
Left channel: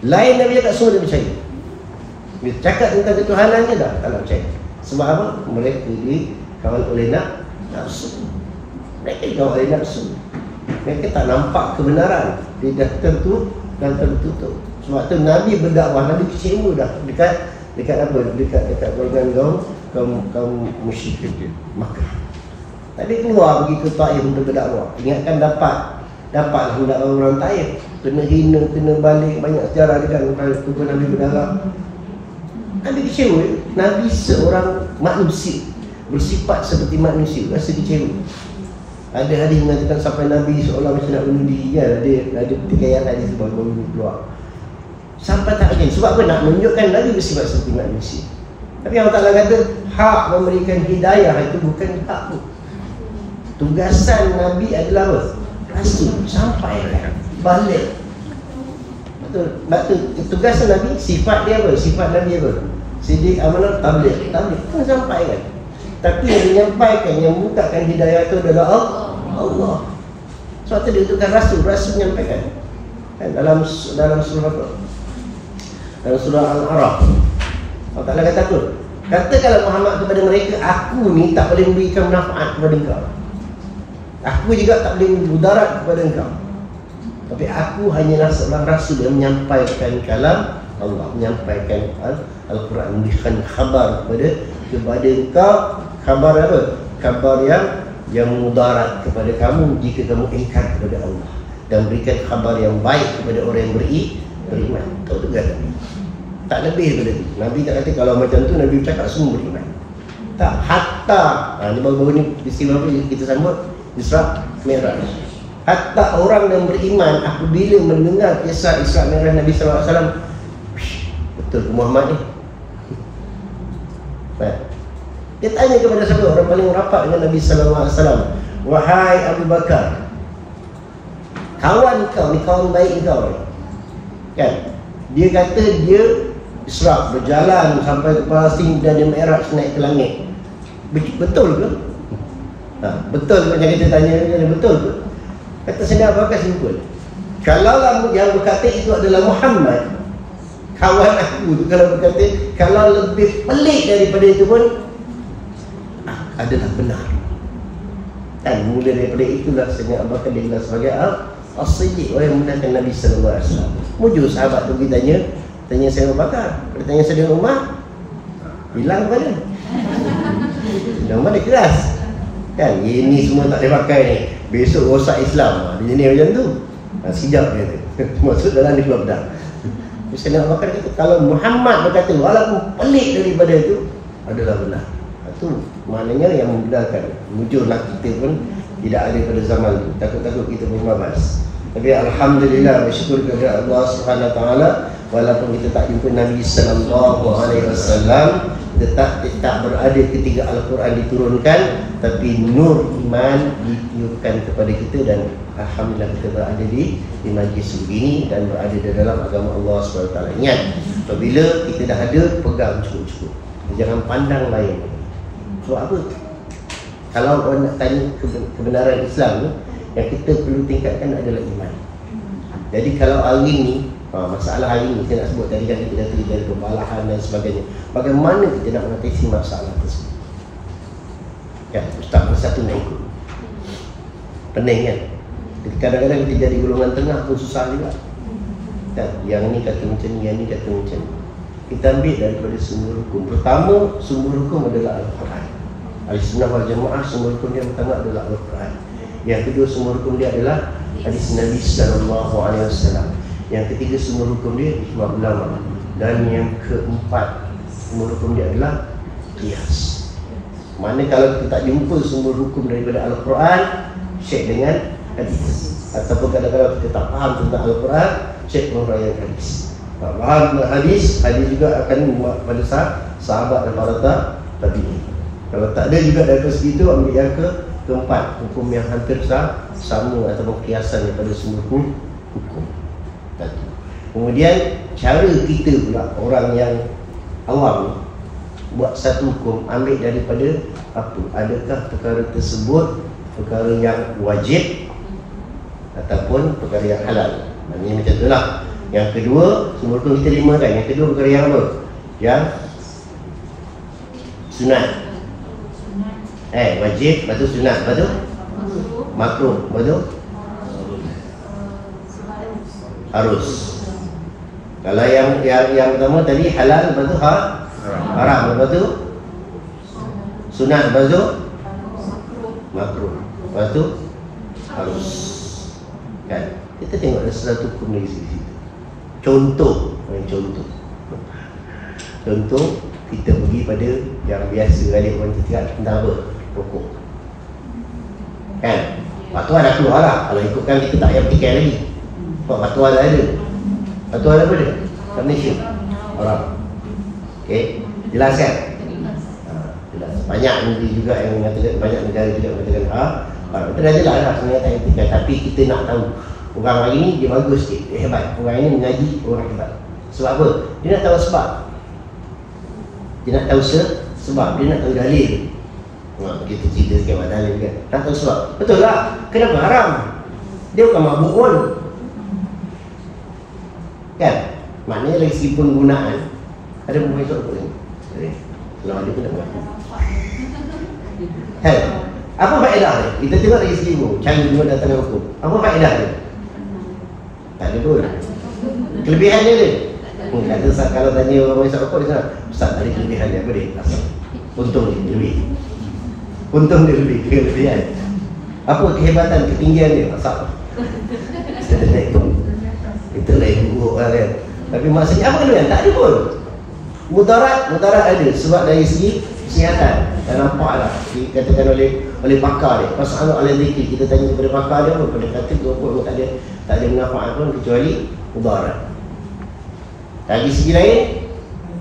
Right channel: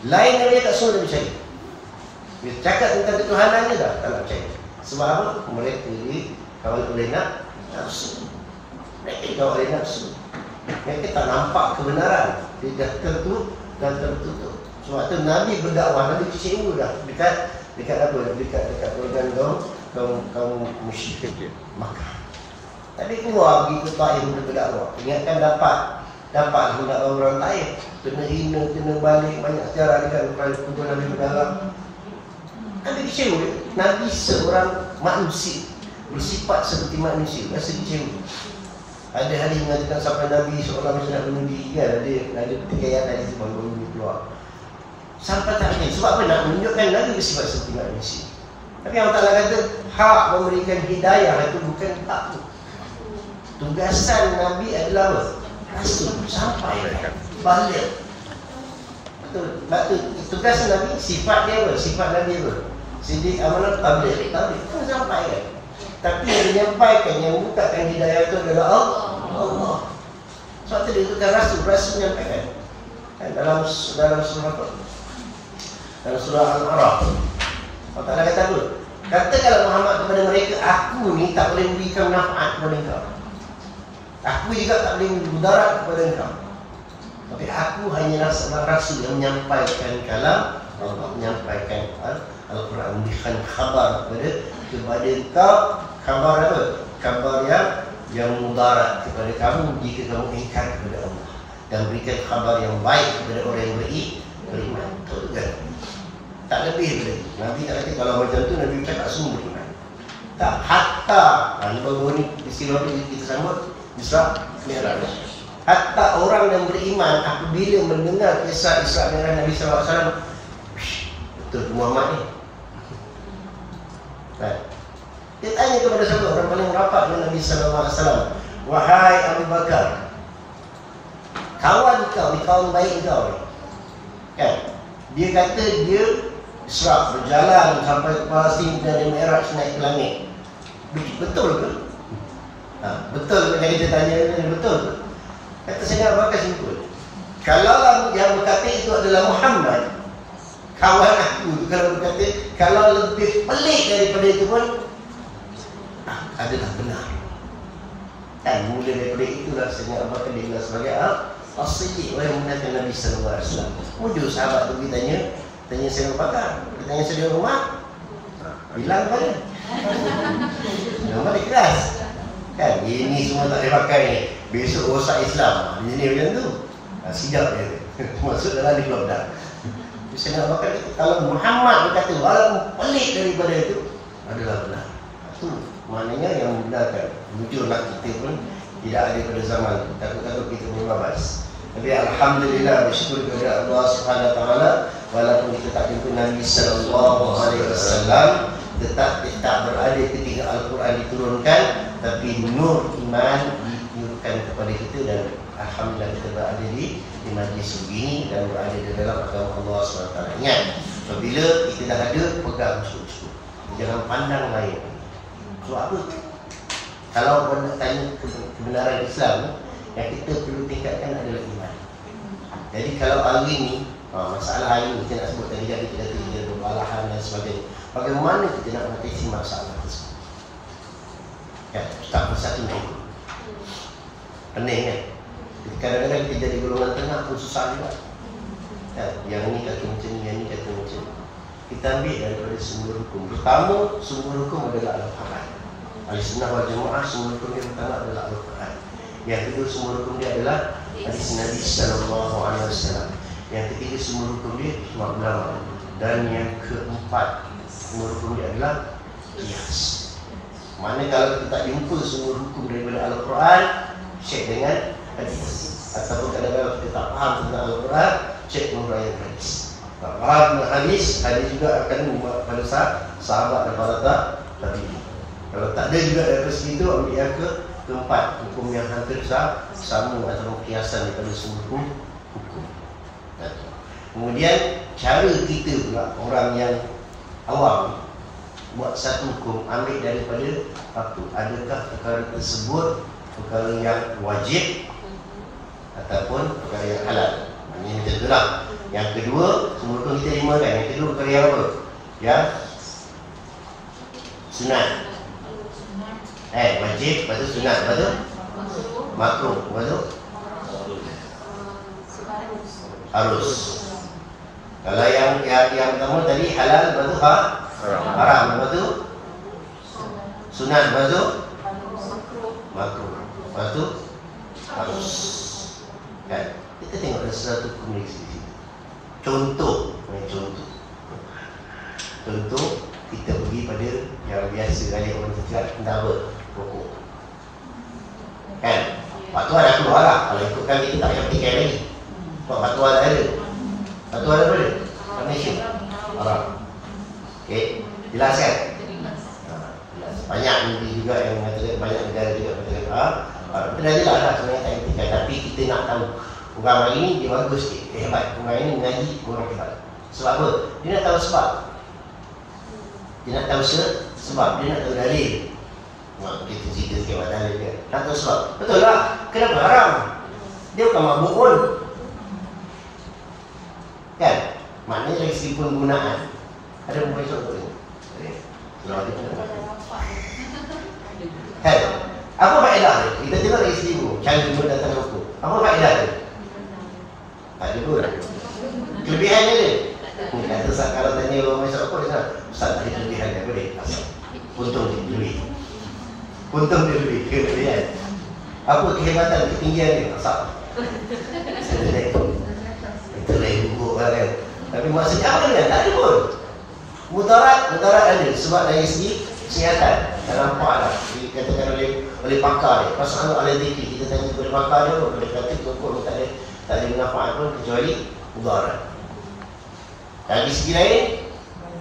Lain Nabi cakap, semua dia percaya. Bila cakap tentang ketuhanannya dah tak nak percaya. Sebab apa? Mereka dikawal oleh nafsu. Mereka dikawal oleh nafsu. Mereka tak nampak kebenaran. Dia dah tertutup. Sebab tu Nabi berdakwah, Nabi kecewa dah dekat apa? Dekat golongan kaum musyrikin Makkah. Tadi keluar pergi ke Taif untuk berdakwah. Ingatkan dapatlah orang Taif, kena hina, kena balik, banyak sejarah dia kan, pukul Nabi berdarah. Nabi kecewa. Nabi seorang manusia, bersifat seperti manusia, rasa kecewa. Ada hadis mengatakan sampai Nabi seolah macam nak bunuh diri kan. Ada pertikaian hadis sebab baru keluar. Sampai tak lagi. Sebab apa? Nak menunjukkan Nabi bersifat seperti manusia. Tapi Allah Ta'ala kata hak memberikan hidayah itu bukan hak tu. Tugasan Nabi adalah apa? Rasul. Sampaikan. Balik. Betul. Tugasan Nabi, sifat dia apa? Sifat Nabi apa? Sidik, amanah, tabligh. Tabligh kan sampaikan. Tapi yang menyampaikan, yang membukakan hidayah itu adalah Allah. Sebab itu diutuskan Rasul. Rasul menyampaikan kan, dalam surah apa? Dalam surah Al-A'raf Allah Ta'ala kata apa? Katakanlah Muhammad kepada mereka, aku ni tak boleh memberikan manfaat kepada engkau, aku juga tak boleh mudarat kepada engkau, tapi aku hanyalah seorang Rasul yang menyampaikan kalam Allah, menyampaikan Al-Quran, memberikan khabar kepada engkau. Khabar apa? Khabar yang mudarat kepada kamu jika kamu ingkar kepada Allah, dan berikan khabar yang baik kepada orang yang beriman. Itu tugas Nabi. Tak lebih daripada itu. Nabi tak kata kalau macam tu Nabi bercakap semua beriman. Tak, hatta ini baru-baru ni istilah kita sambut Isra Mi'raj. Hatta orang yang beriman apabila mendengar kisah Isra Mi'raj Nabi SAW, betul ke Muhammad ni? Dia tanya kepada siapa? Orang paling rapat dengan Nabi SAW. Wahai Abu Bakar, kawan kau ni, kawan baik kau ni kan? Dia kata dia Isra, berjalan sampai ke Palestin dan dia Mi'raj naik ke langit. Betul ke? Betul ke? Macam kita tanya, betul ke? Kata saya Abu Bakar simpul. Kalau yang berkata itu adalah Muhammad, kawan aku tu, kalau berkata, kalau lebih pelik daripada itu pun adalah benar. Dan mula daripada itulah Sayyidina Abu Bakar digelar sebagai As-Siddiq, orang yang membenarkan Nabi SAW. Mujur sahabat tu tanya Sayyidina Abu Bakar, dia tanya Sayyidina Umar, bilang kepada Sayyidina Umar dia keras kan, ini semua tak boleh pakai ni, besok rosak Islam. Dia jenis macam tu. Sekejap dia kata masuk dalam dia keluar pedang. Sayyidina Abu Bakar kata kalau Muhammad berkata walaupun pelik daripada itu adalah benar. Itu maknanya yang membenarkan. Mujurlah kita pun tidak ada pada zaman itu. Takut-takut kita membabas. Tapi alhamdulillah, bersyukur kepada Allah Subhanahu Wa Taala, walaupun kita tak jumpa Nabi Sallallahu Alaihi Wasallam, tetap berada ketika Al-Quran diturunkan, tapi nur iman ditiupkan kepada kita, dan alhamdulillah kita berada di majlis begini dan berada di dalam agama Allah Subhanahu Wa Taala. Ingat, apabila kita dah ada, pegang cukup-cukup. Jangan pandang lain. Sebab apa? Kalau orang nak tanya kebenaran Islam ni, yang kita perlu tingkatkan adalah iman. Jadi kalau hari ni, masalah hari ni, saya nak sebut tadi kan kita dah terjadi perbalahan dan sebagainya. Bagaimana kita nak mengatasi masalah tersebut? Ya, Ustaz bersatu nak ikut. Pening kan? Kadang-kadang kita jadi golongan tengah pun susah juga. Ya, yang ni kata macam ni, yang ni kata macam ni. Kita ambil daripada sumber hukum. Pertama, sumber hukum adalah Al-Quran. Ahlussunnah wal Jamaah, sumber hukum dia pertama adalah Al-Quran. Yang kedua, sumber hukum dia adalah hadis Nabi Sallallahu Alaihi Wasallam. Yang ketiga, sumber hukum dia ijma' ulama. Dan yang keempat, sumber hukum dia adalah qiyas. Mana kalau kita tak jumpa sumber hukum daripada Al-Quran, cek dengan hadis. Ataupun kadang-kadang kita tak faham tentang Al-Quran, cek penghuraian hadis. Tak faham tentang hadis, hadis juga akan membuat pada sahabat dan para tabi'in. Kalau tak ada juga daripada segitu, ambil yang keempat, hukum yang hampir sama ataupun kiasan daripada semua hukum tadi. Kemudian cara kita pula, orang yang awam buat satu hukum, ambil daripada apa? Adakah perkara tersebut perkara yang wajib ataupun perkara yang halal? Maknanya macam tu lah. Yang kedua, sumber hukum kita 5 kan. Yang kedua perkara yang apa? Yang sunat. Wajib, lepas tu sunat, lepas tu makruh, lepas tu harus. Kalau yang pertama tadi halal, lepas tu haram, lepas tu sunat, lepas tu makruh, lepas tu harus. Kan? Kita tengok ada sesuatu hukum dari situ. Contoh, kita pergi pada yang biasa kali orang cakap tentang apa? Pokok. Kan? Fatwa dah keluar lah. Kalau ikutkan kita tak payah petikai lagi. Sebab fatwa dah ada. Fatwa dah ada? Kat Malaysia. Haram. Okey, jelas kan? Jelas. Banyak negeri juga yang mengatakan, banyak negara juga mengatakan kita dah jelas lah sebenarnya tak payah petikai. Tapi kita nak tahu orang hari ni dia bagus sikit, dia hebat. Orang ini mengaji, orang hebat. Sebab apa? Dia nak tahu sebab. Dia nak tahu sebab. Dia nak tahu dalil. Kita cerita sikit mak dalil kan. Nak tahu sebab. Betul lah. Kenapa haram? Dia bukan mabuk pun. Kan? Maknanya dari segi penggunaan. Ada perempuan esok apa ni? Kalau ada pun nak buat. Hai. Apa faedah dia? Kita tengok dari segi cara guna datang hukum. Apa faedah dia? Tak ada pun. Kelebihan dia dia. Kata kalau tanya orang esok apa dia cakap, Ustaz ada kelebihan dia apa dia? Asal. Untung dia lebih. Untung dia lebih. Kelebihan. Apa kehebatan, ketinggian dia? Asal. Kita naik tu. Kita naik buruk lah kan. Tapi maksudnya apa kelebihan? Tak ada pun. Mudarat ada. Sebab dari segi kesihatan. Tak nampak lah. Dikatakan oleh pakar dia. Masalah oleh zikir. Kita tanya kepada pakar dia pun. Pada kata tu pun tak ada manfaat pun kecuali mudarat. Dari segi lain,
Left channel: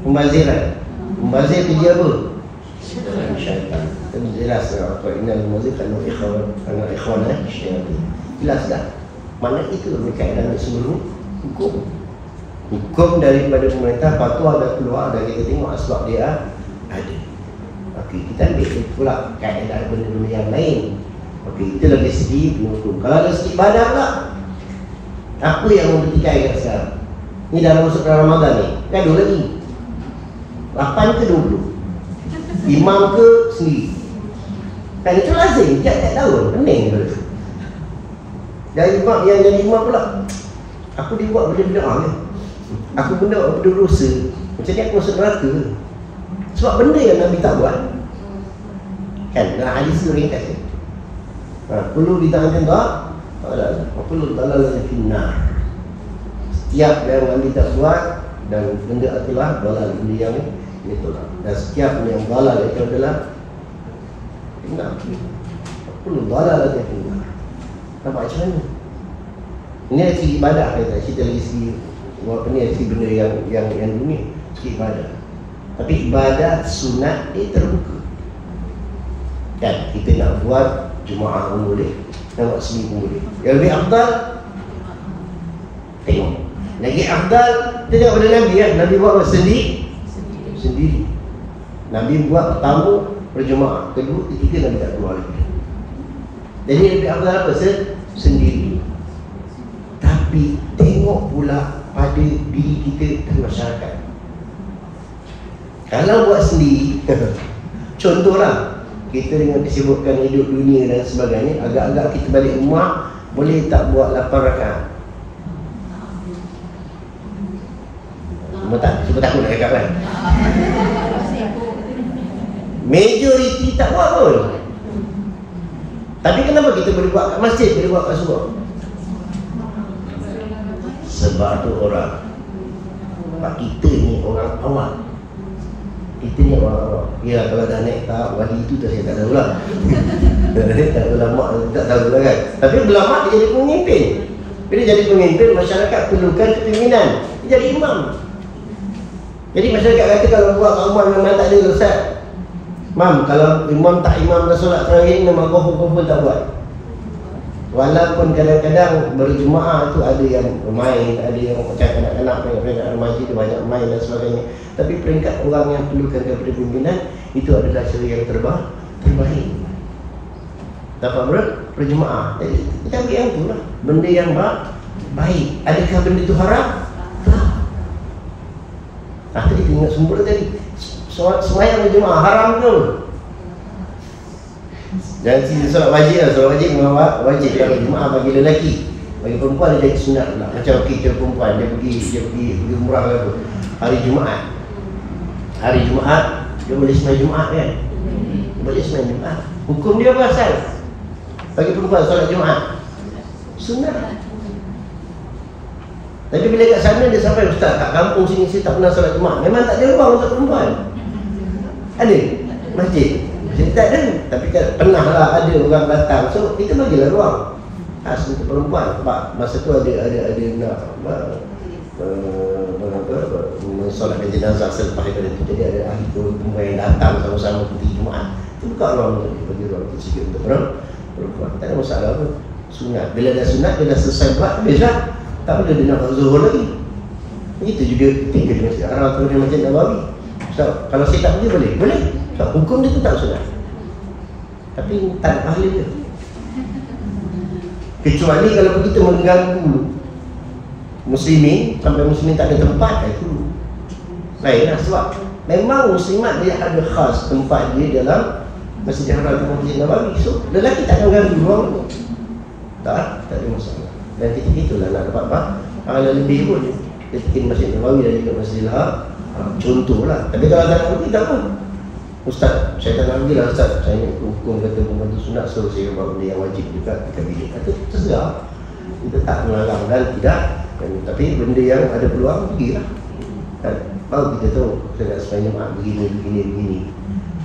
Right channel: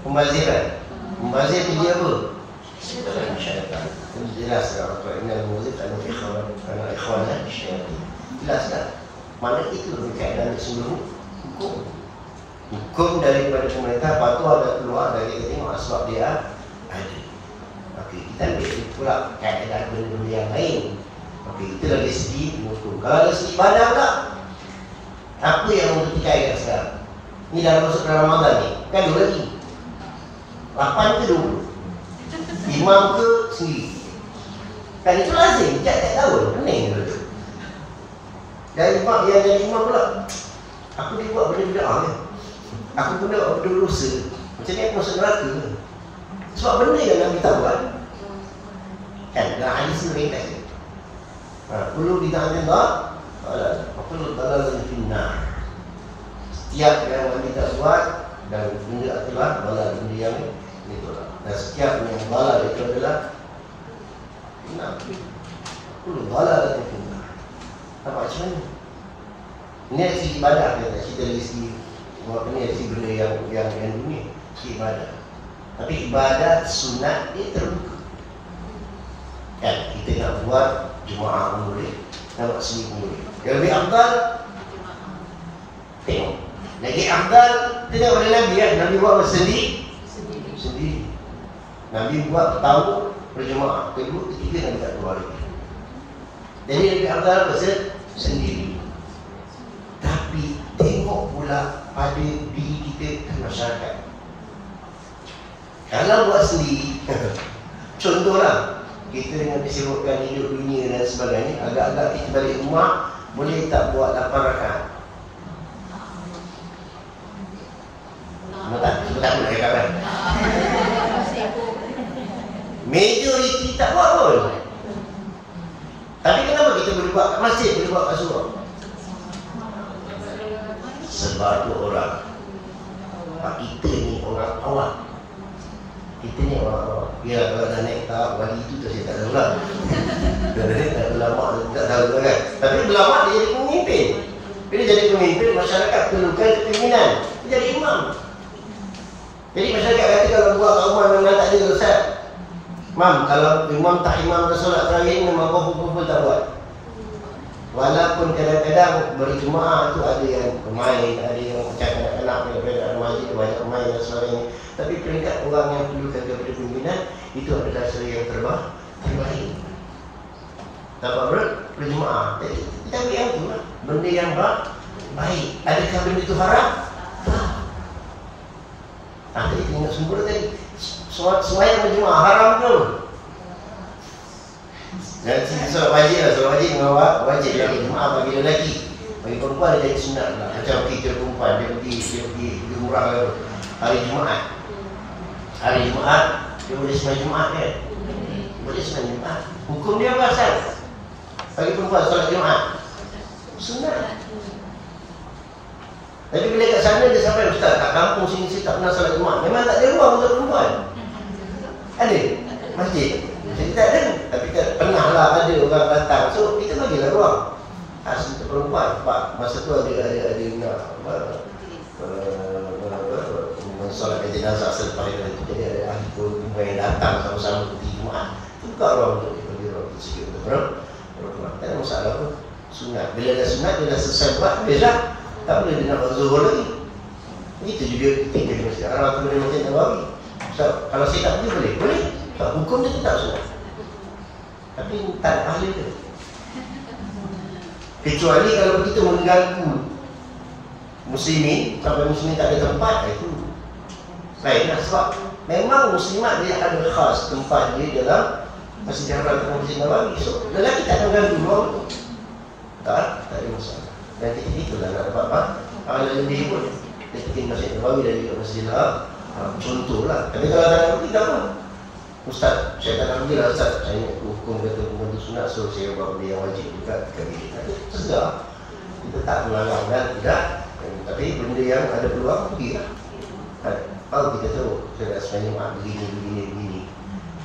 pembaziran. Pembazir tu dia apa? Syaitan. Tapi jelas lah. Innal mubazir kanu ikhwan syaitan. Jelas tak? Mana itu berkaitan dengan sumber hukum. Hukum daripada pemerintah fatwa dah keluar dan kita tengok asbab dia ada. Okey, kita ambil pula kaedah benda-benda yang lain. Okey, itu lagi segi hukum. Kalau dari segi ibadah pula, apa yang mempertikaikan sekarang? Ni dah masuk dalam Ramadan ni. Gaduh lagi. 8 ke 20? Imam ke sendiri? Kan itu lazim. Tiap-tiap tahun. Pening benda. Dan imam yang jadi imam pula, aku dia buat benda-benda ya. Aku benda dosa. Macam ni aku masuk neraka. Sebab benda yang Nabi tak buat. Kan? Dalam hadis tu ringkas ni. Perlu ditahankan tak? Perlu dalal finnar. Setiap yang Nabi tak buat dan benda itulah dalal benda yang itulah. Dan setiap yang dalal itu adalah finnar. Perlu dalal dan finnar. Nampak macam mana? Ini dari segi ibadah kita. Kita dari segi apa ni, segi benda yang dunia, segi ibadah. Tapi ibadah sunat dia terbuka. Kan? Kita nak buat Jumaat pun boleh, nak buat seni pun boleh. Yang lebih afdal, tengok. Lagi afdal, tengok pada Nabi kan? Nabi buat sendiri. Nabi buat pertama berjemaah, kedua, ketiga Nabi tak keluar lagi. Jadi lebih afdal apa? Sendiri. Tapi tengok pula pada diri kita dan masyarakat. Kalau buat sendiri, contohlah kita dengan kesibukan hidup dunia dan sebagainya, agak-agak kita balik rumah, boleh tak buat 8 rakaat? Cuma takut nak cakap kan? Majoriti tak buat pun. Tapi kenapa kita boleh buat kat masjid, boleh buat kat surau? Sebab tu orang, sebab kita ni orang awam. Kita ni orang awam. Ya, kalau dah naik tahap wali tu saya tak tahu lah. Tak ulama tak tahu lah kan. Tapi ulama dia jadi pemimpin. Bila jadi pemimpin, masyarakat perlukan kepimpinan. Dia jadi imam. Jadi masyarakat kata kalau buat kat rumah memang tak ada Ustaz. Mam, kalau imam tak imamkan solat tarawih, memang kau pun tak buat. Walaupun kadang-kadang berjemaah tu ada yang bermain, ada yang macam kanak-kanak, peringkat remaja tu banyak main dan sebagainya. Tapi peringkat orang yang perlukan kepada pimpinan, itu adalah cara yang terbaik. Dapat berjemaah. Jadi kita ambil yang tu lah, benda yang baik. Adakah benda itu haram? Tak. Tadi kita ingat sumber tadi, sembahyang berjemaah haram ke? Jangan cerita solat wajib lah. Solat wajib memang wajib lah berjemaah bagi lelaki. Bagi perempuan dia jadi sunat pula. Macam kita perempuan dia pergi umrah ke apa, hari Jumaat dia boleh sembahyang Jumaat kan? Dia boleh sembahyang Jumaat. Hukum dia apa asal? Bagi perempuan solat Jumaat sunat. Tapi bila kat sana dia sampai, Ustaz kat kampung sini saya tak pernah solat Jumaat. Memang tak ada ruang untuk perempuan. Ada masjid Jadi tak ada, tapi kan pernahlah ada orang datang. So kita bagilah ruang khas untuk perempuan. Sebab masa tu ada nak mensolatkan jenazah selepas daripada itu. Jadi ada ahli perempuan yang datang sama-sama putih Jumaat. Buka ruang untuk bagi ruang sikit untuk perempuan. Tak ada masalah pun. Sunat. Bila dah sunat, dia dah selesai buat, habis dah. Tak boleh dia nak zuhur lagi. Begitu juga kita di Masjid Haram atau di Masjid Nabawi. So, kalau saya tak pergi boleh? Boleh. So, hukum dia tetap sunat. Tapi tak ada ahli dia. Kecuali kalau begitu mengganggu muslimin sampai muslimin tak ada tempat, itu lain lah. Sebab memang muslimat dia ada khas tempat dia dalam Masjid Haram atau Masjid Nabawi. So, lelaki tak akan ganggu ruang tu. Tak ada masalah. Dan kita itulah nak dapat ada lebih pun. Dia bikin Masjid Nabawi dan juga Masjidil Haram. Contohlah. Tapi kalau tak pergi tak pun. Ustaz, saya tak nak pergi lah Ustaz. Saya hukum kata pembantu sunat, so saya buat benda yang wajib juga dekat bilik. Tapi terserah. Kita tak melarang dan tidak. Tapi benda yang ada peluang pergi lah. Kan? Baru kita tahu kita nak sembahyang Jumaat begini.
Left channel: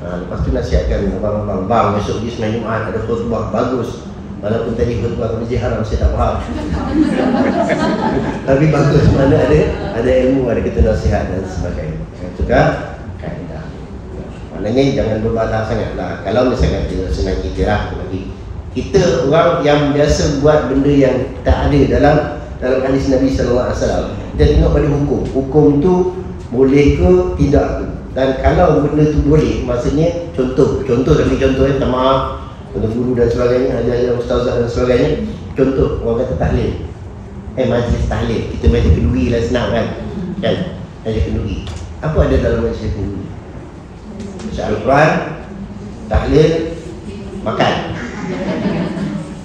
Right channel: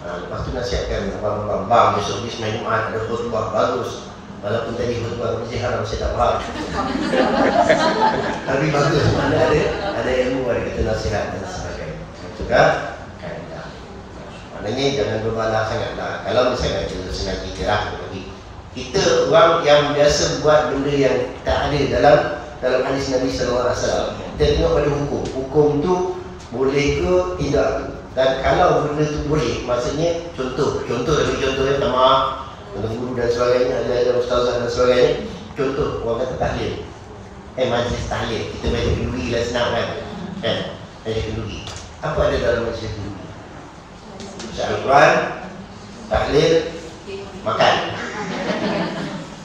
Lepas tu nasihatkan abang-abang, bang besok pergi sembahyang Jumaat ada khutbah bagus. Walaupun tadi khutbah ke Masjid Haram saya tak faham. Tapi bagus, mana ada ilmu, ada kata nasihat dan sebagainya. Itu kan kaedah. Maknanya jangan berbalah sangatlah. Kalau misalkan kita senang iktiraf lagi. Kita orang yang biasa buat benda yang tak ada dalam hadis Nabi sallallahu alaihi wasallam. Kita tengok pada hukum. Hukum tu boleh ke tidak. Dan kalau benda tu boleh, maksudnya contoh yang maaf untuk guru dan sebagainya, ajar-ajar ustazah dan sebagainya. Contoh, orang kata tahlil. Majlis tahlil. Kita majlis kenduri lah, senang kan? Majlis kenduri. Apa ada dalam majlis kenduri? Baca Al-Quran, tahlil, makan.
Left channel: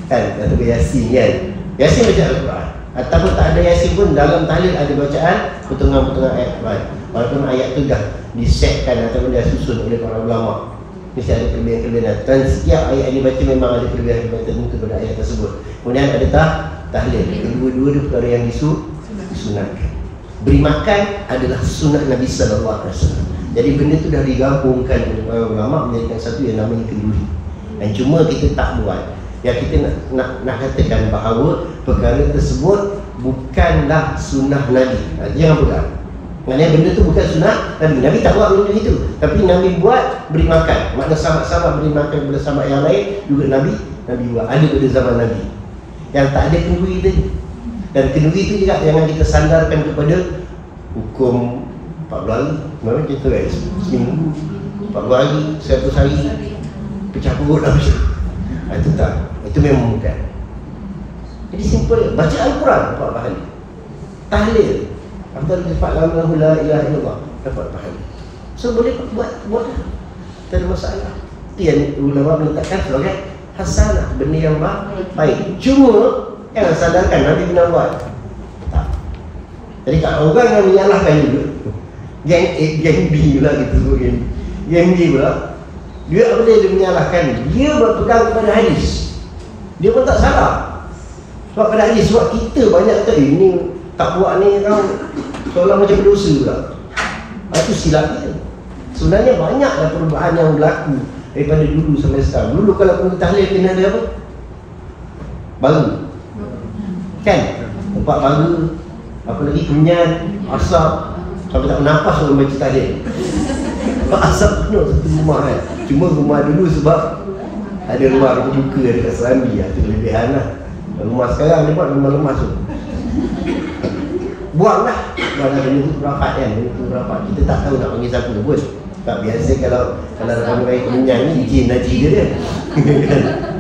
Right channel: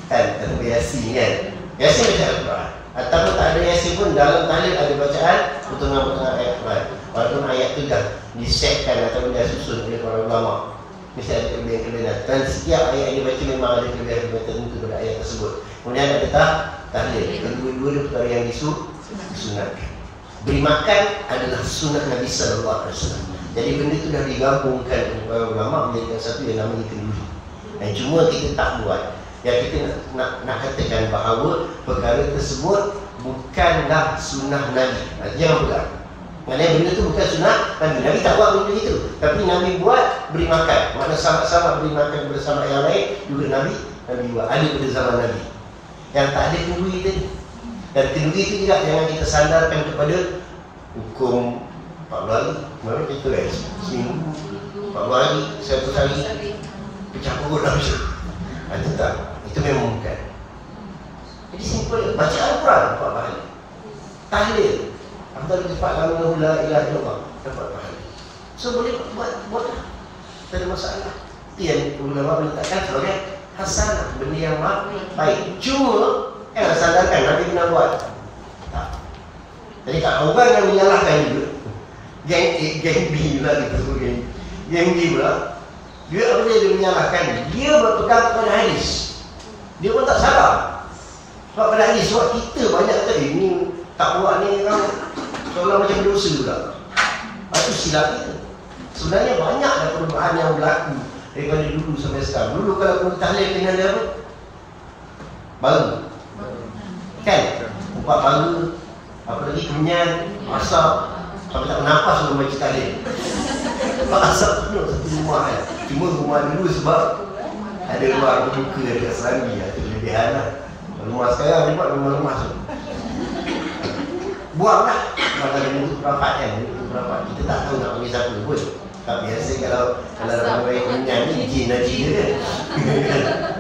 Kan? Atau Yasin kan? Yasin baca Al-Quran. Ataupun tak ada Yasin pun, dalam tahlil ada bacaan potongan-potongan ayat Quran. Walaupun ayat tu dah disetkan ataupun dah susun oleh para ulama. Mesti ada kelebihan-kelebihan. Dan setiap ayat yang dibaca memang ada kelebihan-kelebihan tertentu pada ayat tersebut. Kemudian ada tahlil. Kedua-dua itu perkara yang disunatkan. Beri makan adalah sunat Nabi sallallahu alaihi wasallam. Jadi benda itu dah digabungkan oleh ulama menjadikan satu yang namanya kenduri. Dan cuma kita tak buat. Yang kita nak katakan bahawa perkara tersebut bukanlah sunnah Nabi. Jangan buat. Maknanya benda tu bukan sunnah Nabi. Nabi tak buat benda itu. Tapi Nabi buat beri makan. Makna sama-sama beri makan kepada sahabat yang lain juga Nabi buat. Ada pada zaman Nabi. Yang tak ada kenduri tadi. Dan kenduri itu juga jangan kita sandarkan kepada hukum 40 hari. Memang kita kan seminggu 40 hari, 100 hari pecah perut dah macam. Itu tak. Itu memang bukan. Jadi simple. Baca Al-Quran 4 kali. Tahlil. Afdal ifa'la minahu la ilaha illallah. Dapat pahala. So boleh buatlah. Tak ada masalah. Itu yang ulama meletakkan sebagai hasanah, benda yang baik. Cuma jangan sadarkan Nabi pernah buat. Tak. Jadi kalau orang yang menyalahkan juga, geng B pula kita sebut geng B pula, dia apa dia menyalahkan, dia berpegang kepada hadis. Dia pun tak salah. Sebab pada hadis, sebab kita banyak kata ini tak buat ni kau seolah macam berdosa pula. Itu silapnya. Sebenarnya banyaklah perubahan yang berlaku daripada dulu sampai sekarang. Dulu kalau kena tahlil kena ada apa? Baru. Kan? Tempat baru. Apa lagi? Kenyan, asap. Sampai tak bernafas orang baca tahlil. Sebab asap penuh satu rumah kan. Cuma rumah dulu sebab ada ruang terbuka dekat Serambi. Itu kelebihan lah. Rumah sekarang dia buat lemah-lemah tu. Buanglah. Kalau benda tu rapat kan. Benda tu rapat. Kita tak tahu nak panggil siapa pun. Tak biasa kalau ada orang Kenyan ni jin najis dia.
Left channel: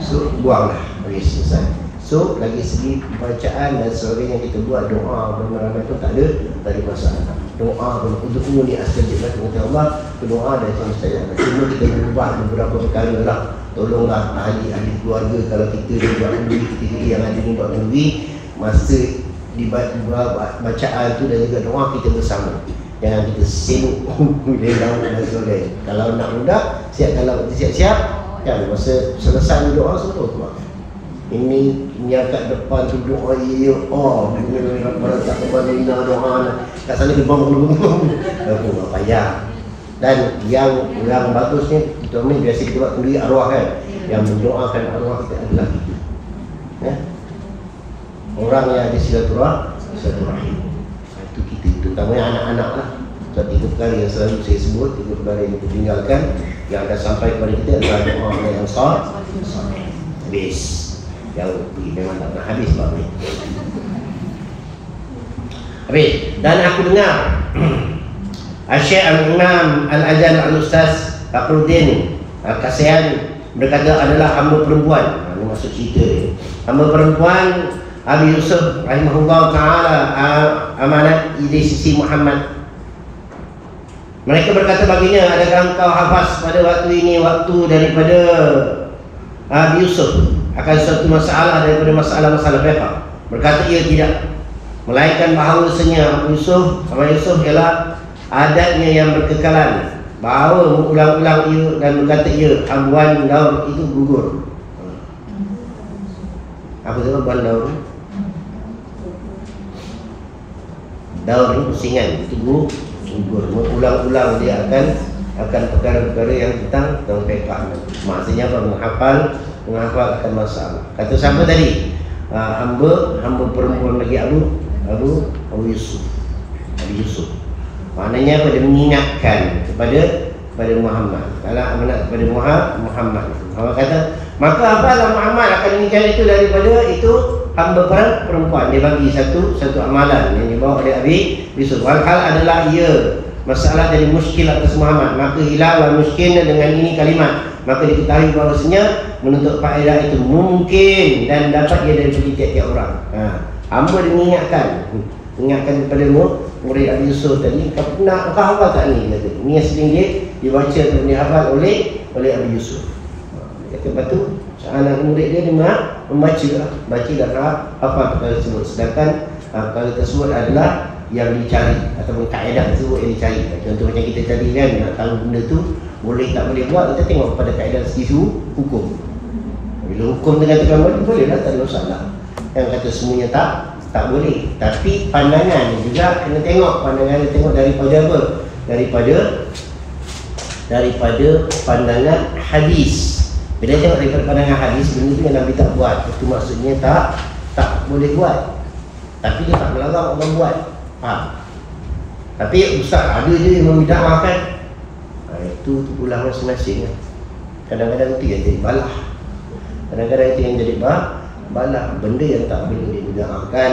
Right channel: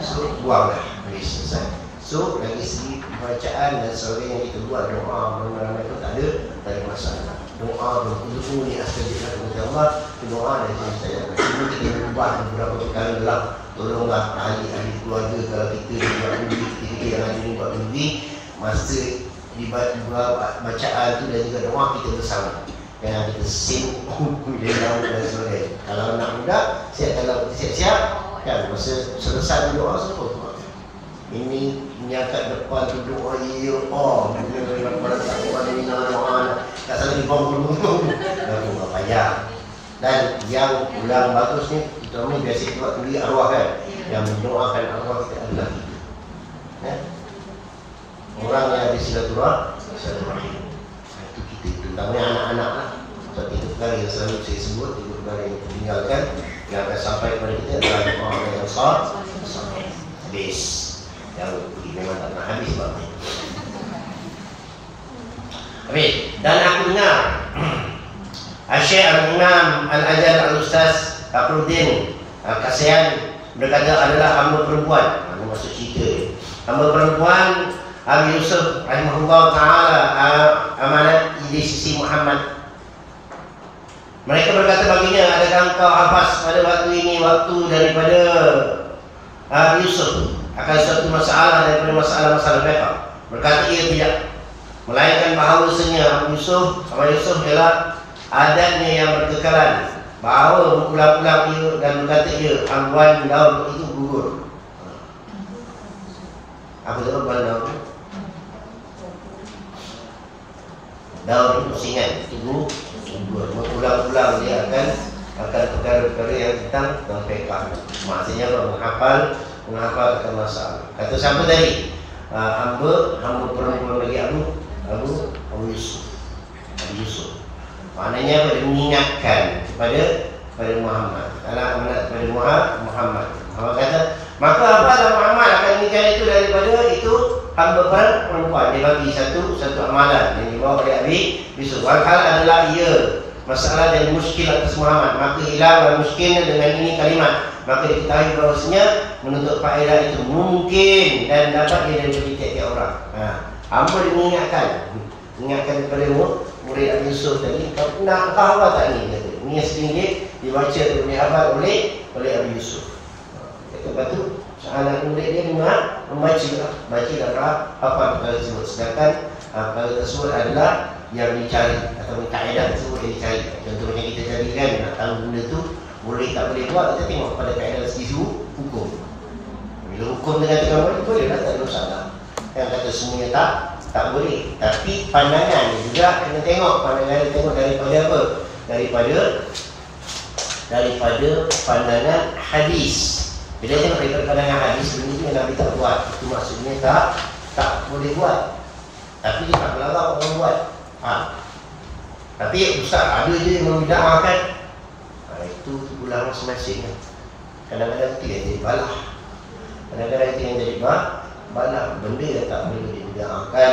So buanglah. Okey, selesai. So lagi segi bacaan dan sebagainya yang kita buat, doa ramai-ramai pun tak ada masalah. Doa pun untuk ni astajib lah kepada Allah. Doa dan itu mustajab. Cuma kita berubah beberapa perkara lah. Tolonglah ahli-ahli keluarga kalau kita dia buat kenduri, kita yang ada ni buat kenduri, masa dibuat bacaan tu dan juga doa kita bersama. Jangan kita sibuk lelang dan sebagainya. Kalau nak mudah, kalau siap-siap kan, masa selesai doa semua tu. Ini menyakat depan tu doa ya Allah. Pada tak kembali doa kat sana di bawah. Tak payah. Dan yang bagus ni, kita ni biasa kita buat kenduri arwah kan. Yang mendoakan arwah kita adalah kita. Ya? Orang yang ada silaturahim. Itu kita, terutamanya anak-anak lah. So, 3 perkara yang selalu saya sebut, 3 perkara yang kita tinggalkan, yang akan sampai kepada kita adalah doa yang sah. Habis. Yang memang tak nak habis bab ni. Habis. Dan aku dengar Syekh Al-Imam Al-Ajal Al-Ustaz Fakhruddin Al-Qasian berkata adalah hamba perempuan. Ini maksud cerita ni. Hamba perempuan Abi Yusuf rahimahullah ta'ala amanat di sisi Muhammad. Mereka berkata baginya, adakah engkau hafaz pada waktu ini waktu daripada Abi Yusuf akan suatu masalah daripada masalah-masalah fiqh? Berkata ia tidak, melainkan bahawasanya Abu Yusuf sama Yusuf ialah adatnya yang berkekalan, bahawa mengulang-ulang ia dan berkata ia abuan daun itu gugur. Apa tu abuan daun? Daun itu pusingan, itu gugur. Mengulang-ulang dia akan perkara-perkara yang tentang fiqh. Maksudnya apa? Menghafal akan masalah. Kata siapa tadi? Hamba perempuan lagi Abu Yusuf. Abi Yusuf. Maknanya pada mengingatkan kepada Muhammad. Kalau amanat kepada Muhammad. Muhammad kata, maka apalah Muhammad akan mengingatkan itu daripada itu hamba perempuan. Dia bagi satu amalan yang dibawa oleh Abi Yusuf. Walhal adalah ia masalah dari muskil atas Muhammad. Maka hilanglah muskilnya dengan ini kalimat. Maka diketahui bahawasanya menuntut faedah itu mungkin dan dapat ia dari tiap-tiap orang. Hamba dia mengingatkan kepada murid Abi Yusuf tadi, kau hafal tak ni? Ni yang RM1 dibaca atau dihafal oleh Abi Yusuf. Lepas tu anak murid dia membaca dan hafal perkara tersebut. Sedangkan perkara tersebut adalah yang dicari ataupun kaedah tersebut yang dicari. Contoh macam kita tadi kan, nak tahu benda tu boleh tak boleh buat, kita tengok pada kaedah segi hukum. Bila hukum dengan tekan boleh lah, tak ada masalah. Yang kata semuanya tak boleh. Tapi pandangan juga kena tengok. Pandangan tengok daripada apa? Daripada pandangan hadis. Bila tengok daripada pandangan hadis, benda tu yang Nabi tak buat, itu maksudnya tak boleh buat. Tapi dia tak melarang orang buat. Tapi ustaz ada je yang membida'ahkan. Itu pulang masing-masing. Kadang-kadang itu yang jadi balah. Kadang-kadang itu yang jadi balah. Benda yang tak boleh dibida'ahkan,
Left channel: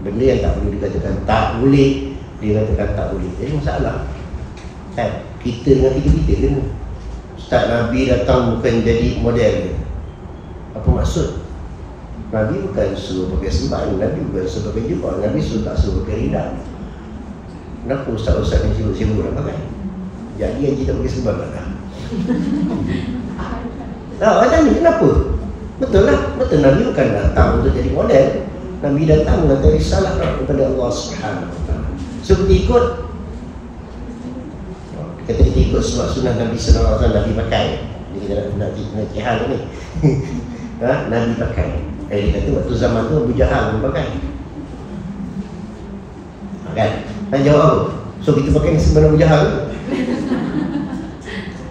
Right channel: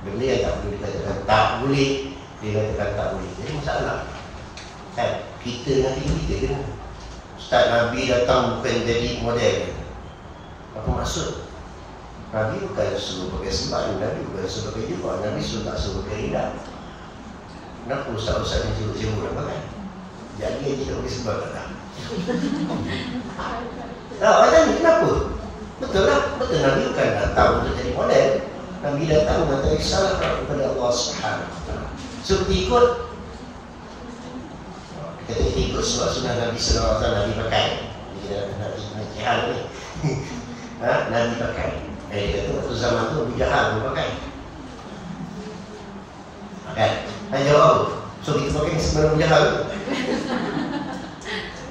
benda yang tak boleh dikatakan tak boleh, dia katakan tak boleh. Jadi masalah kan? Kita dengan kita kan? Ustaz Nabi datang bukan jadi model. Apa maksud? Nabi bukan suruh pakai sembahyang, Nabi bukan suruh pakai jubah, Nabi suruh tak suruh pakai ridha. Kenapa ustaz-ustaz yang sibuk-sibuk nak pakai? Jadi yang tidak pakai sembahyang tak? Orang tanya kenapa? Betul lah, betul Nabi bukan datang untuk jadi model. Nabi datang dengan risalah daripada Allah SWT. So kita ikut. Kata kita ikut sebab sunnah Nabi SAW, Nabi pakai. Jadi kita nak cihan ni. Nabi pakai. Dia kata waktu zaman tu Abu Jahal pun pakai. Kan? Nak jawab apa? So kita pakai ni sebenarnya Abu Jahal.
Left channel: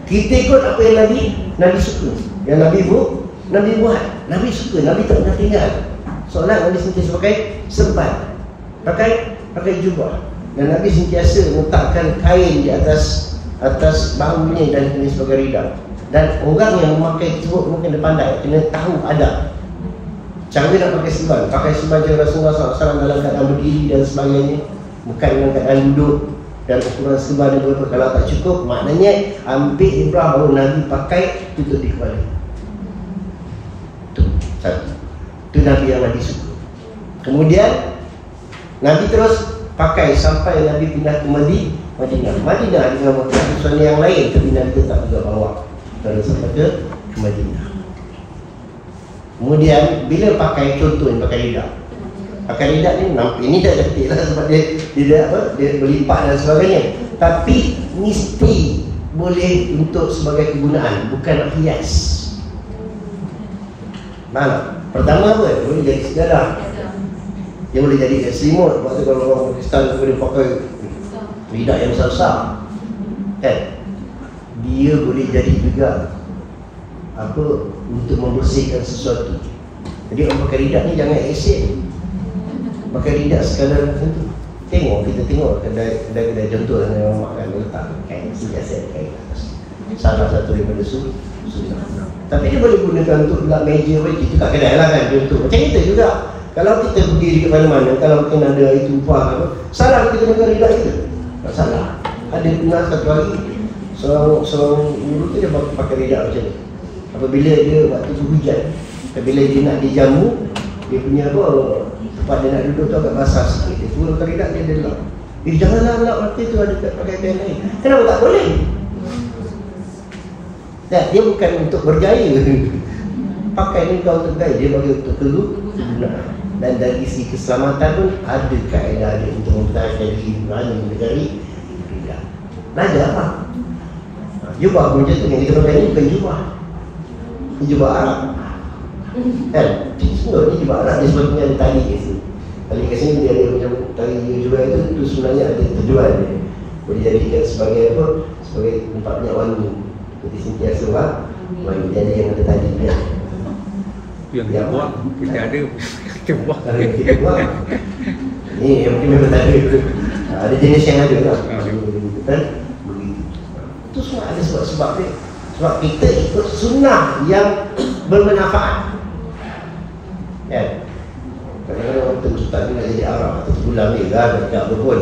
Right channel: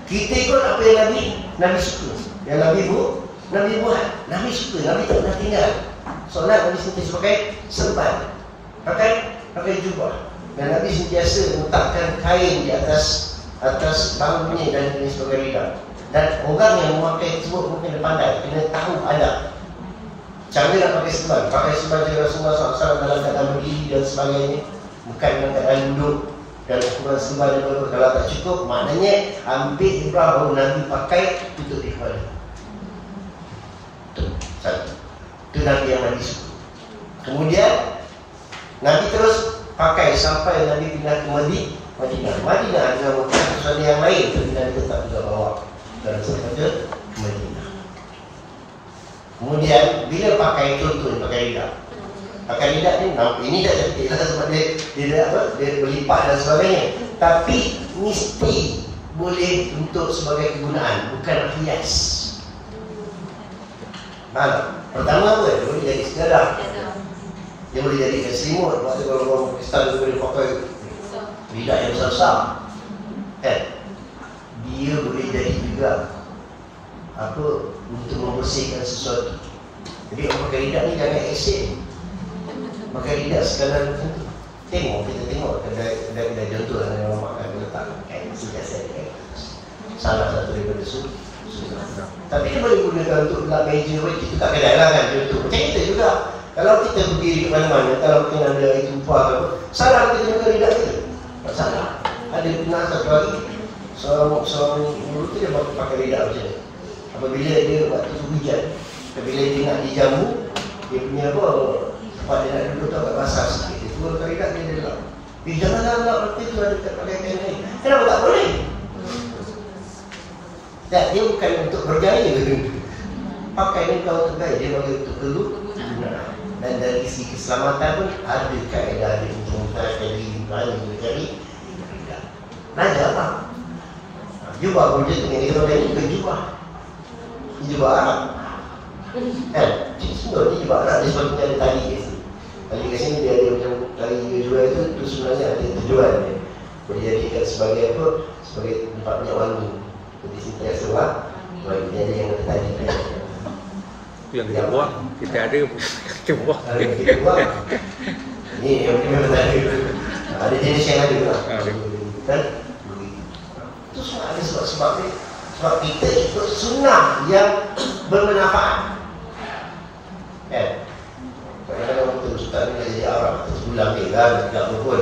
Kita ikut apa yang Nabi suka. Yang Nabi buat. Nabi suka, Nabi tak pernah tinggal. Solat Nabi sentiasa pakai serban. Pakai jubah. Dan Nabi sentiasa letakkan kain di atas bangunnya dan ini sebagai ridha. Dan orang yang memakai tersebut mungkin dia pandai, kena tahu adab. Cara nak pakai serban. Pakai serban je Rasulullah SAW dalam keadaan berdiri dan sebagainya. Bukan dalam keadaan duduk. Dan ukuran serban dia berapa. Kalau tak cukup, maknanya ambil ibrah bahawa Nabi pakai tutup di kepala. Itu satu. Itu Nabi yang Nabi suka. Kemudian Nabi terus pakai sampai Nabi pindah ke Madinah. Madinah dengan keputusan yang lain, tapi Nabi tetap juga bawa kerana sampai ke Madinah. Kemudian bila pakai, contoh yang pakai lidah. Pakai lidah ni nampak ini dah cantik lah sebab dia berlipat dan sebagainya. Tapi mesti boleh untuk sebagai kegunaan, bukan hias. Mana? Pertama apa? Dia boleh jadi sejadah. Dia boleh jadi selimut. Sebab tu kalau orang Pakistan tu boleh pakai lidah yang besar-besar. Kan? dia boleh jadi juga apa untuk membersihkan sesuatu. Jadi orang pakai lidah ni jangan asyik ni. Pakai lidah sekadar macam tu. Kita tengok kedai contoh yang orang makan letak kain siasat kain. Salah satu daripada sunnah. Tapi dia boleh gunakan untuk lap meja bagi itu kat kedai lah kan contoh. Macam kita juga. Kalau kita berdiri ke mana-mana, kalau kita ada itu upah apa, salah kita gunakan lidah kita. Tak salah. Ada pernah satu hari seorang guru tu dia pakai lidah macam ni. Apabila dia waktu tu hujan, apabila dia nak dijamu, dia punya apa, tempat dia nak duduk tu agak basah sikit, dia turunkan lidah dia lap. Janganlah lap mata tu ada pakai kain lain. Kenapa tak boleh? Tak, dia bukan untuk berjaya. Pakai ni kau untuk gaya, dia bagi untuk kegunaan. Dan dari segi keselamatan pun ada kaedah dia untuk mempertahankan diri berani negeri. Belajar apa? Jubah pun macam tu, yang kita pakai ni bukan jubah. Ini jubah Arab. Kan? Sebenarnya ni jubah Arab, dia sebabnya ada tali kat sini. Tali kat sini dia ada macam tali dia jual itu sebenarnya ada terjual dia. Boleh jadikan sebagai apa? Sebagai tempat minyak wangi. Jadi sentiasa wangi. Jadi yang ada tali dia. Yang buat, kita ada. Kita buat. Ni yang mungkin memang tak ada. Ada jenis yang ada lah. Kan? Itu semua ada sebab dia. Sebab kita ikut sunnah yang bermanfaat. Kan? Kadang-kadang orang tercipta ni nak jadi Arab atau terpulang dia kan, tak apa pun.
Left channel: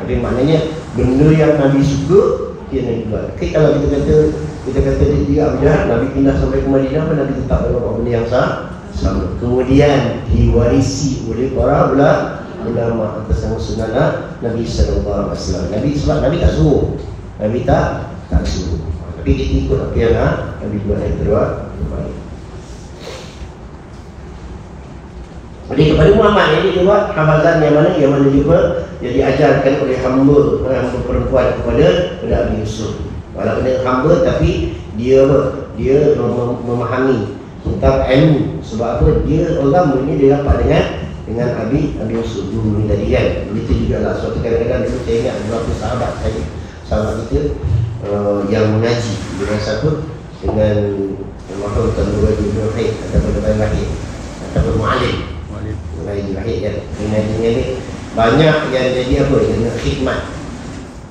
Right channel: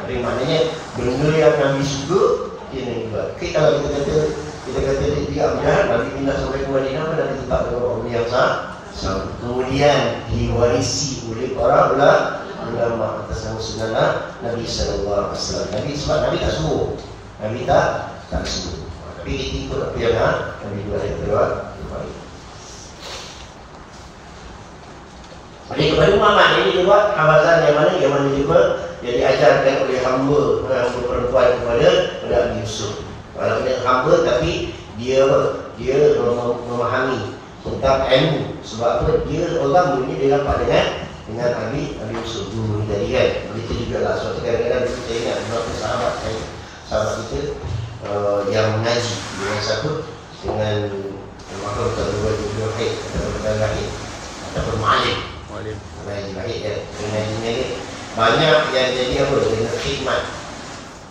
Tapi maknanya benda yang Nabi suka, dia nak buat. Okay, kalau kita kata dia Abjad, Nabi pindah sampai ke Madinah, Nabi tetap dalam benda yang sama. Kemudian diwarisi oleh para ulama atas nama sunnah Nabi sallallahu alaihi wasallam. Nabi tak suruh. Nabi tak suruh. Tapi kita ikut apa yang Nabi buat yang terbaik. Jadi kepada Muhammad ini juga hafazan yang mana juga yang diajarkan oleh hamba perempuan kepada Nabi Yusuf. Walaupun dia hamba tapi dia memahami tentang ilmu. Sebab apa? Dia orang ini dia dapat dengan Nabi Yusuf dulu ni tadi kan. Begitu juga lah suatu kadang-kadang dulu saya ingat beberapa sahabat kita yang mengaji dengan siapa? Dengan Mahmud Abdul Haid ataupun Abdul Lahir ataupun Mu'alim mengaji Lahir kan. Mengaji ni banyak yang jadi apa? Dia khidmat.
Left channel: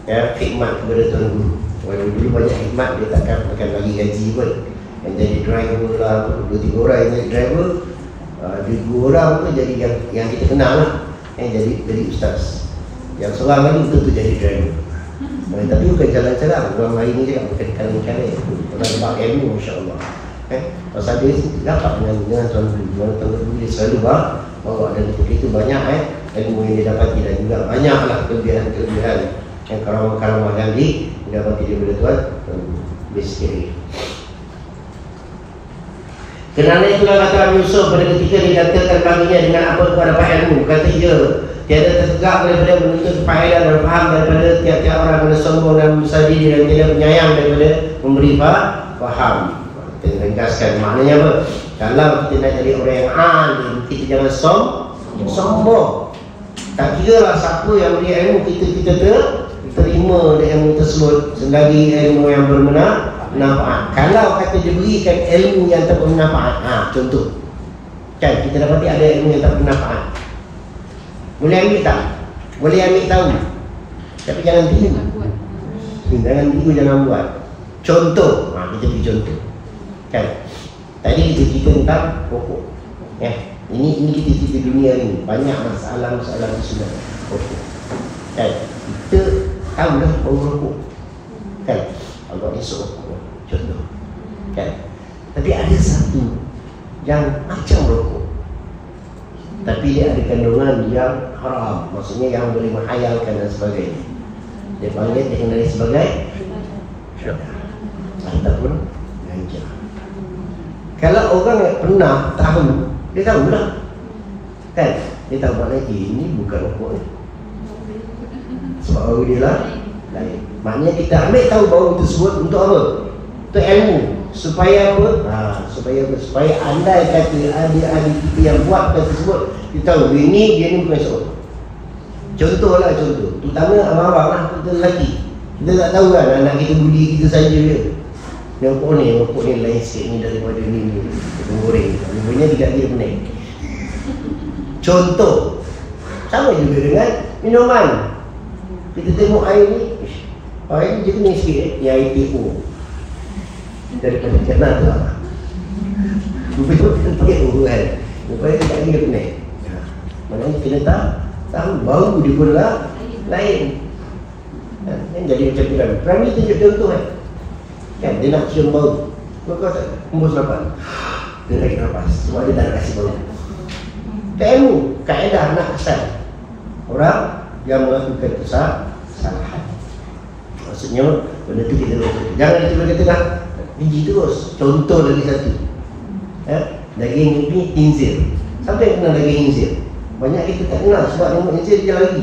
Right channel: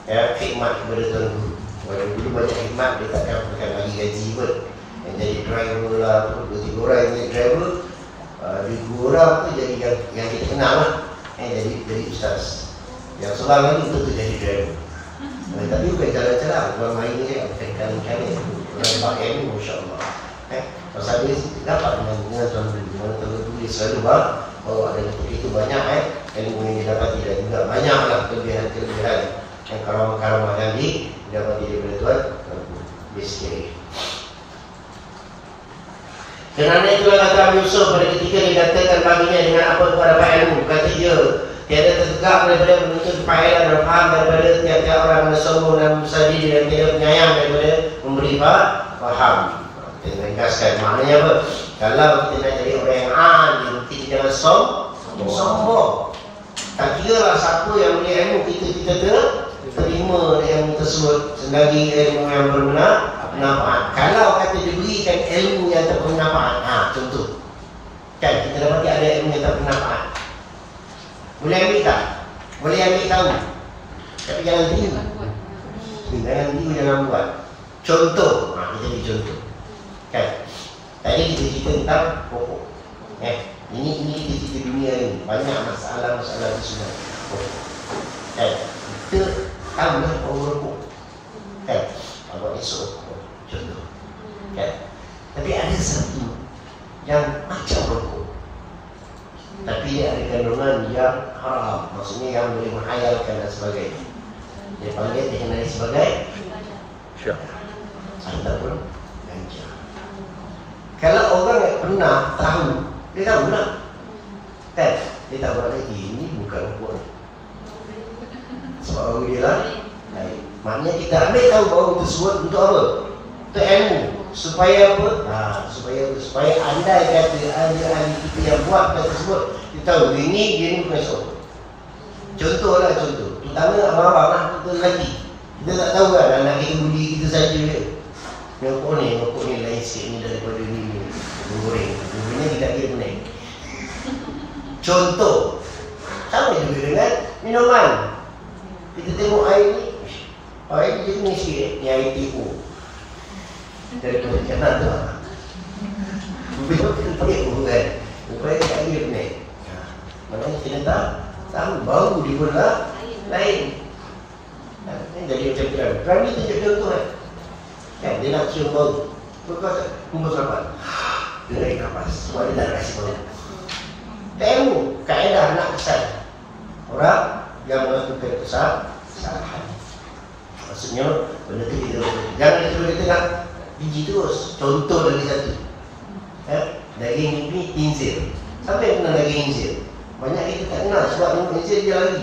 Ya, khidmat kepada Tuan Guru. Walaupun dulu banyak khidmat dia takkan bagi gaji pun. Yang jadi driver lah, 2-3 orang yang jadi driver, 2 orang pun jadi yang kita kenal lah, yang jadi ustaz. Yang seorang lagi tu jadi driver. Tapi bukan jalan-jalan, orang lain ni kan, bukan ikan-ikan ni. Orang dapat ilmu, Masya-Allah. Pasal dia dapat dengan Tuan Guru, dia selalu bawa dan begitu banyak ilmu yang dia dapati dan juga banyaklah kelebihan yang karamah-karamah yang didapati daripada Tuan Guru sendiri. Kerana itulah kata Nabi Yusuf pada ketika dikatakan baginya dengan apa kau dapat ilmu. Kata dia, tiada tertegak daripada menuntut faedah dan faham daripada tiap-tiap orang yang sombong dan besar diri dan tidak penyayang daripada memberi faham. Kita ringkaskan maknanya apa? Kalau kita nak jadi orang yang alim, kita jangan sombong. Tak kira lah siapa yang beri ilmu, kita terima ilmu tersebut sebagai ilmu yang bermanfaat. Kalau kata diberikan ilmu yang tak bermanfaat, contoh kan kita dapati ada ilmu yang tak bermanfaat, boleh ambil tak? Boleh ambil tahu, tapi jangan tiru. Jangan buat. Contoh, kita beri contoh kan. Tadi kita cerita tentang pokok. Ini kita cerita dunia ini, banyak masalah-masalah di sana pokok kan. Kita tahulah bau rokok kan, Allah esok contoh kan. Tapi ada satu yang macam rokok, tapi dia ada kandungan yang haram, maksudnya yang boleh menghayalkan dan sebagainya. Dia panggil dengan sebagai syaitan ataupun ganja. Kalau orang yang pernah tahu, dia tahu lah kan, dia tahu maknanya ini bukan rokok ni, sebab bau dia lah lain. Maknanya kita ambil tahu bau tersebut untuk apa? Untuk ilmu. Supaya apa? Supaya andai kata ada ahli kita yang buat benda tersebut, kita tahu dia ni bukan rokok. Contoh. Terutama abang-abang lah, kita lelaki. Kita tak tahu kan anak kita buli kita saja dia. Nyokok ni lain sikit ni daripada ni goreng. Rupanya tidak kira pening. Contoh, sama juga dengan minuman. Kita tengok air ni dia kena sikit ni air TO daripada kanan tu lah. Rupanya pakai kan. Rupanya tidak kira pening. Maknanya kita tahu bau dia pun lah lain. Jadi macam tu kan. Kerana ni tunjuk contoh kan. Kan dia nak cium bau. Kau tak hembus nafas. Dia naik nafas. Sebab dia tak kasih bau. Tak ilmu. Kaedah nak kesan orang yang melakukan kesalahan. Maksudnya benda tu kita jangan kita kata dah biji terus. Contoh lagi satu. Daging ni khinzir. Siapa yang kenal daging khinzir? Banyak kita tak kenal sebab tengok khinzir dia lari.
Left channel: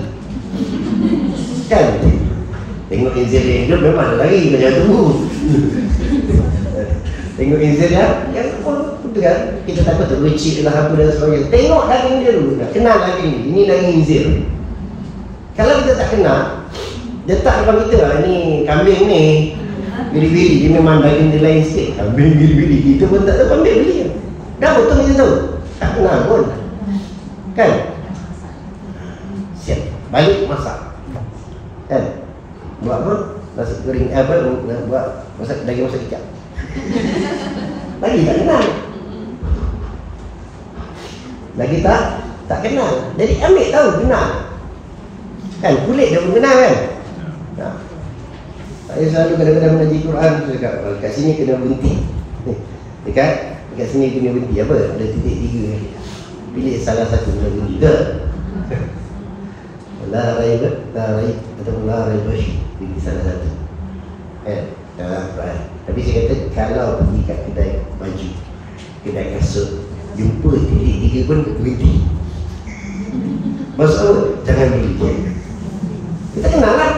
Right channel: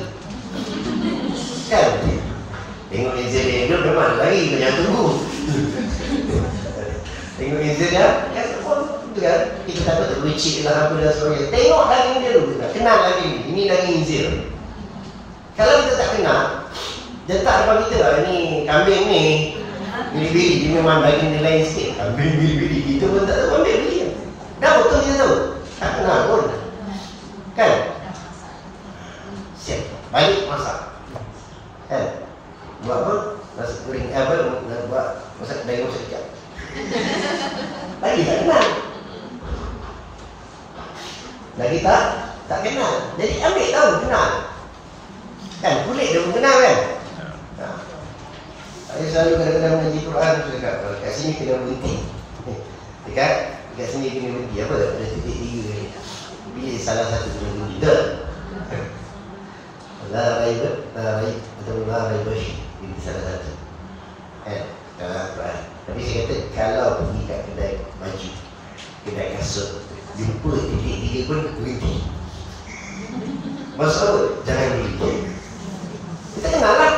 Kan? Tengok khinzir dia hidup memang dia lari, kau jangan tunggu. Tengok khinzir dia, kan? Kita takut tu recik lah apa dan sebagainya. Tengok daging dia dulu, kenal daging ni. Ini daging khinzir. Kalau kita tak kenal, dia tak depan kita lah. Ini kambing ni biri-biri, dia memang daging dia lain sikit. Kambing biri-biri, kita pun tak tahu kambing biri. Dah betul kita tahu, tak kenal pun. Kan? Siap, balik masak. Kan? Buat apa? Nasi goreng buat masak daging masak kicap. Lagi tak kenal. Lagi tak kenal. Jadi ambil tahu kenal. Kan kulit dia pun kenal kan? Nah. Saya selalu kadang-kadang mengaji Quran tu cakap kalau kat sini kena berhenti. Dekat sini kena berhenti apa? Ada titik 3 lagi. Pilih salah satu kena berhenti. La raib atau la raibash. Pilih salah satu. Dalam Quran. Tapi saya kata kalau pergi kat kedai baju, kedai kasut, jumpa titik 3 pun berhenti. Maksud apa? Jangan beli pun. Kita kenal lah.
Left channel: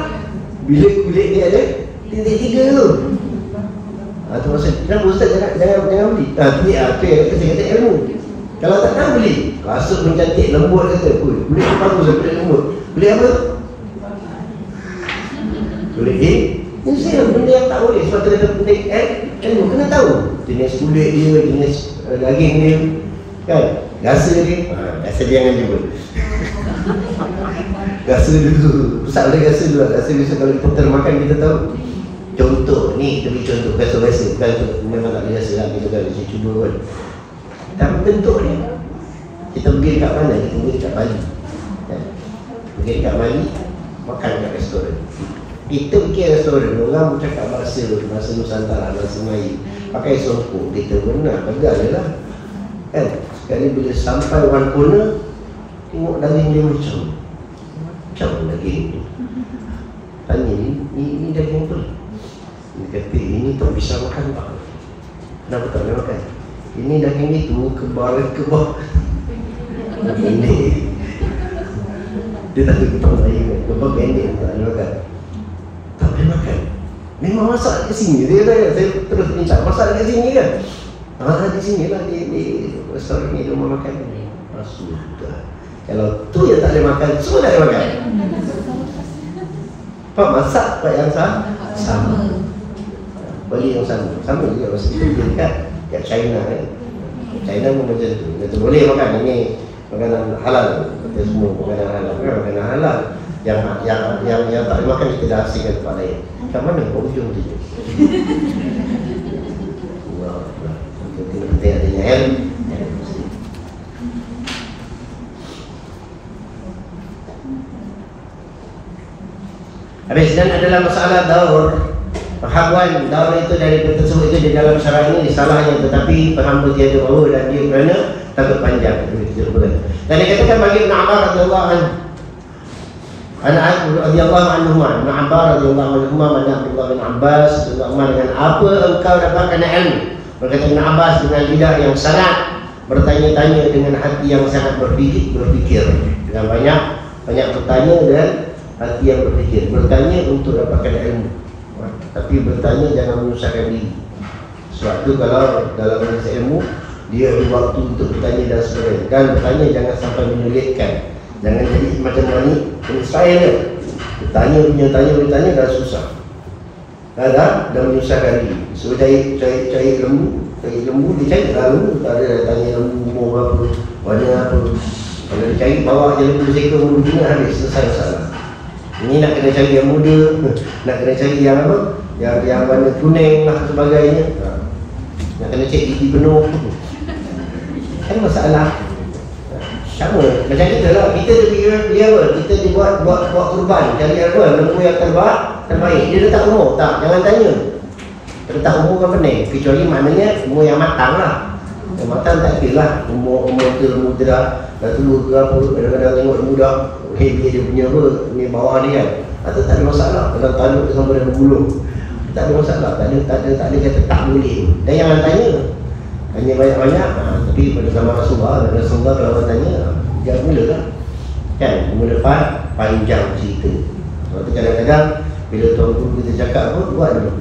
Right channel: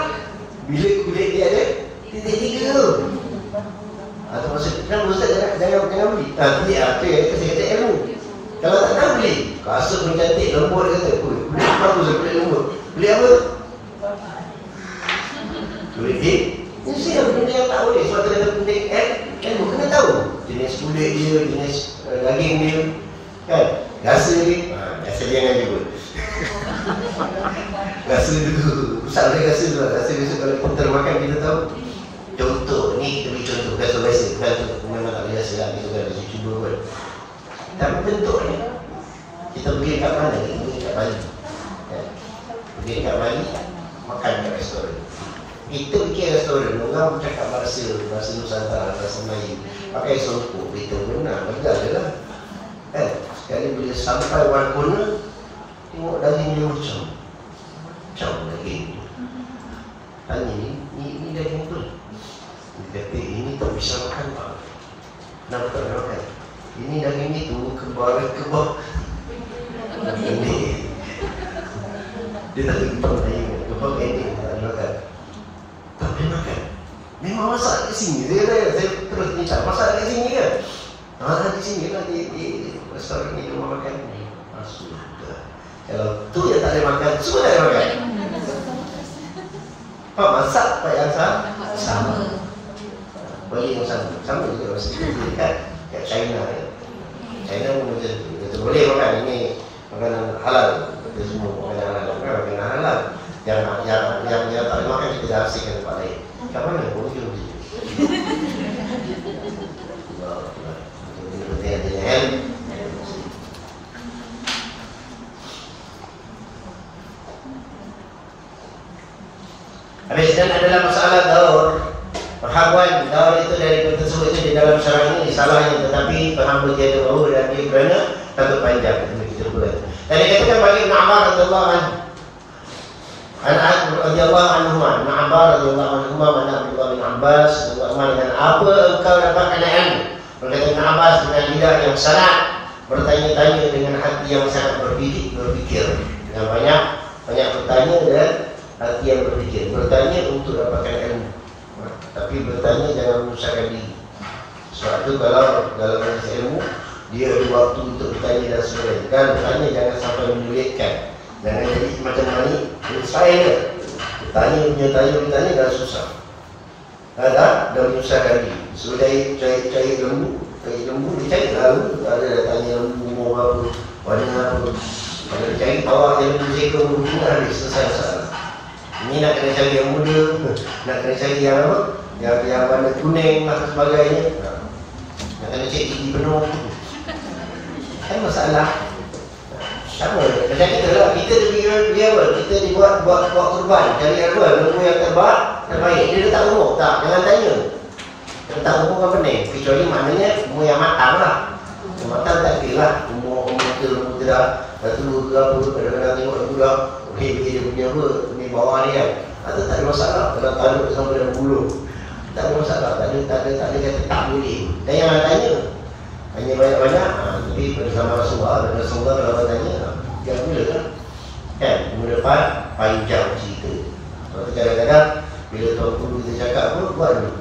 Bila kulit dia ada titik 3 tu. Itu maksud, kenapa Ustaz jangan beli? Itu yang saya kata ilmu. Kalau tak tahu beli, kasut pun cantik, lembut kata. Kulit bagus, kulit lembut. Kulit apa tu? Kulit dia. Ini saya benda yang tak boleh. Sebab kita pendek ilmu, kena tahu jenis kulit dia, jenis daging dia. Kan? Rasa dia. Rasa dia jangan jumpa. Rasa dulu. Pusat boleh rasa dulu. Rasa besok kalau kita makan kita tahu. Contoh, ni kita beri contoh. Rasa-rasa. Bukan tu memang tak boleh rasa lah. Kita kan rasa cuba kan. Tapi bentuk dia. Kita pergi dekat mana? Kita pergi dekat Bali. Kan? Pergi dekat Bali, makan kat restoran. Kita pergi restoran, orang bercakap bahasa Nusantara, bahasa Melayu. Pakai songkok, kita pun nak pegang je lah. Kan? Sekali bila sampai one corner, tengok daging dia macam daging ni. Tanya ni daging apa? Dia kata ini tak bisa makan pak. Kenapa tak boleh makan? Ini daging ni tu kebal pendek. Dia tak tahu kita Melayu kan, kebal pendek tak boleh makan. Tak boleh makan. Memang masak kat sini. Saya terus minta masak kat sini kan. Di sini lah di restoran ni rumah makan ni. Sudah. Kalau tu yang tak boleh makan, semua tak boleh makan. Pak masak pak yang sama. Beli yang sama juga masa kita dekat China kan. China pun macam tu. Kita boleh makan ini makanan halal. Kita semua makanan halal. Makanan halal. Yang tak boleh makan kita dah asingkan tempat lain. Kat mana? Ujung tu je. Wow. Kena penting adanya ilmu. Habis dan adalah masalah daur. Perhakuan daur itu dari tersebut itu di dalam syarat ini salahnya, tetapi hamba tiada bawa dan dia kerana takut panjang. Dan dikatakan bagi Ibn Abbas radhiyallahu anhu, radhiyallahu anhuma, Ibn Abbas radhiyallahu anhuma, mana Abdullah bin Abbas radhiyallahu anhu, dengan apa engkau dapatkan ilmu? Berkata Ibn Abbas, dengan lidah yang sangat bertanya-tanya, dengan hati yang sangat berfikir, dengan banyak bertanya dan hati yang berfikir. Bertanya untuk dapatkan ilmu, tapi bertanya jangan menyusahkan diri. Sebab tu kalau dalam bahasa ilmu dia ada waktu untuk bertanya dan sebagainya. Dan bertanya jangan sampai menyulitkan. Jangan jadi macam ni saya ni bertanya dah susah. dah menyusahkan diri. So cari lembu, dia cari lah lembu, tak ada dah tanya lembu umur berapa, warna apa. Kalau dia cari bawa je lembu seekor lembu juga, habis selesai masalah. Ini nak kena cari yang muda, nak kena cari yang apa, yang warna kuning lah sebagainya. Nak kena cek gigi penuh, kan masalah. Sama macam kita lah, kita dia apa, kita dibuat buat kurban, cari apa, lembu yang terbaik. Dia letak umur, tak, jangan tanya. Letak umur kan pening, kecuali maknanya umur yang matang lah. Yang matang tak kira lah, umur tu lembu tu dah tua ke apa, kadang-kadang tengok lembu dah dia punya apa, ni bawah dia kan. Atau tak ada masalah, kalau tanduk sampai dah berbulu, tak ada masalah, tak ada kata tak boleh. Dan jangan tanya. Hanya banyak-banyak, tapi pada zaman Rasulullah kalau orang tanya, jangan mula lah. Kan, minggu depan panjang cerita. Lepas tu kadang-kadang bila tuan guru kita cakap apa, buat dulu.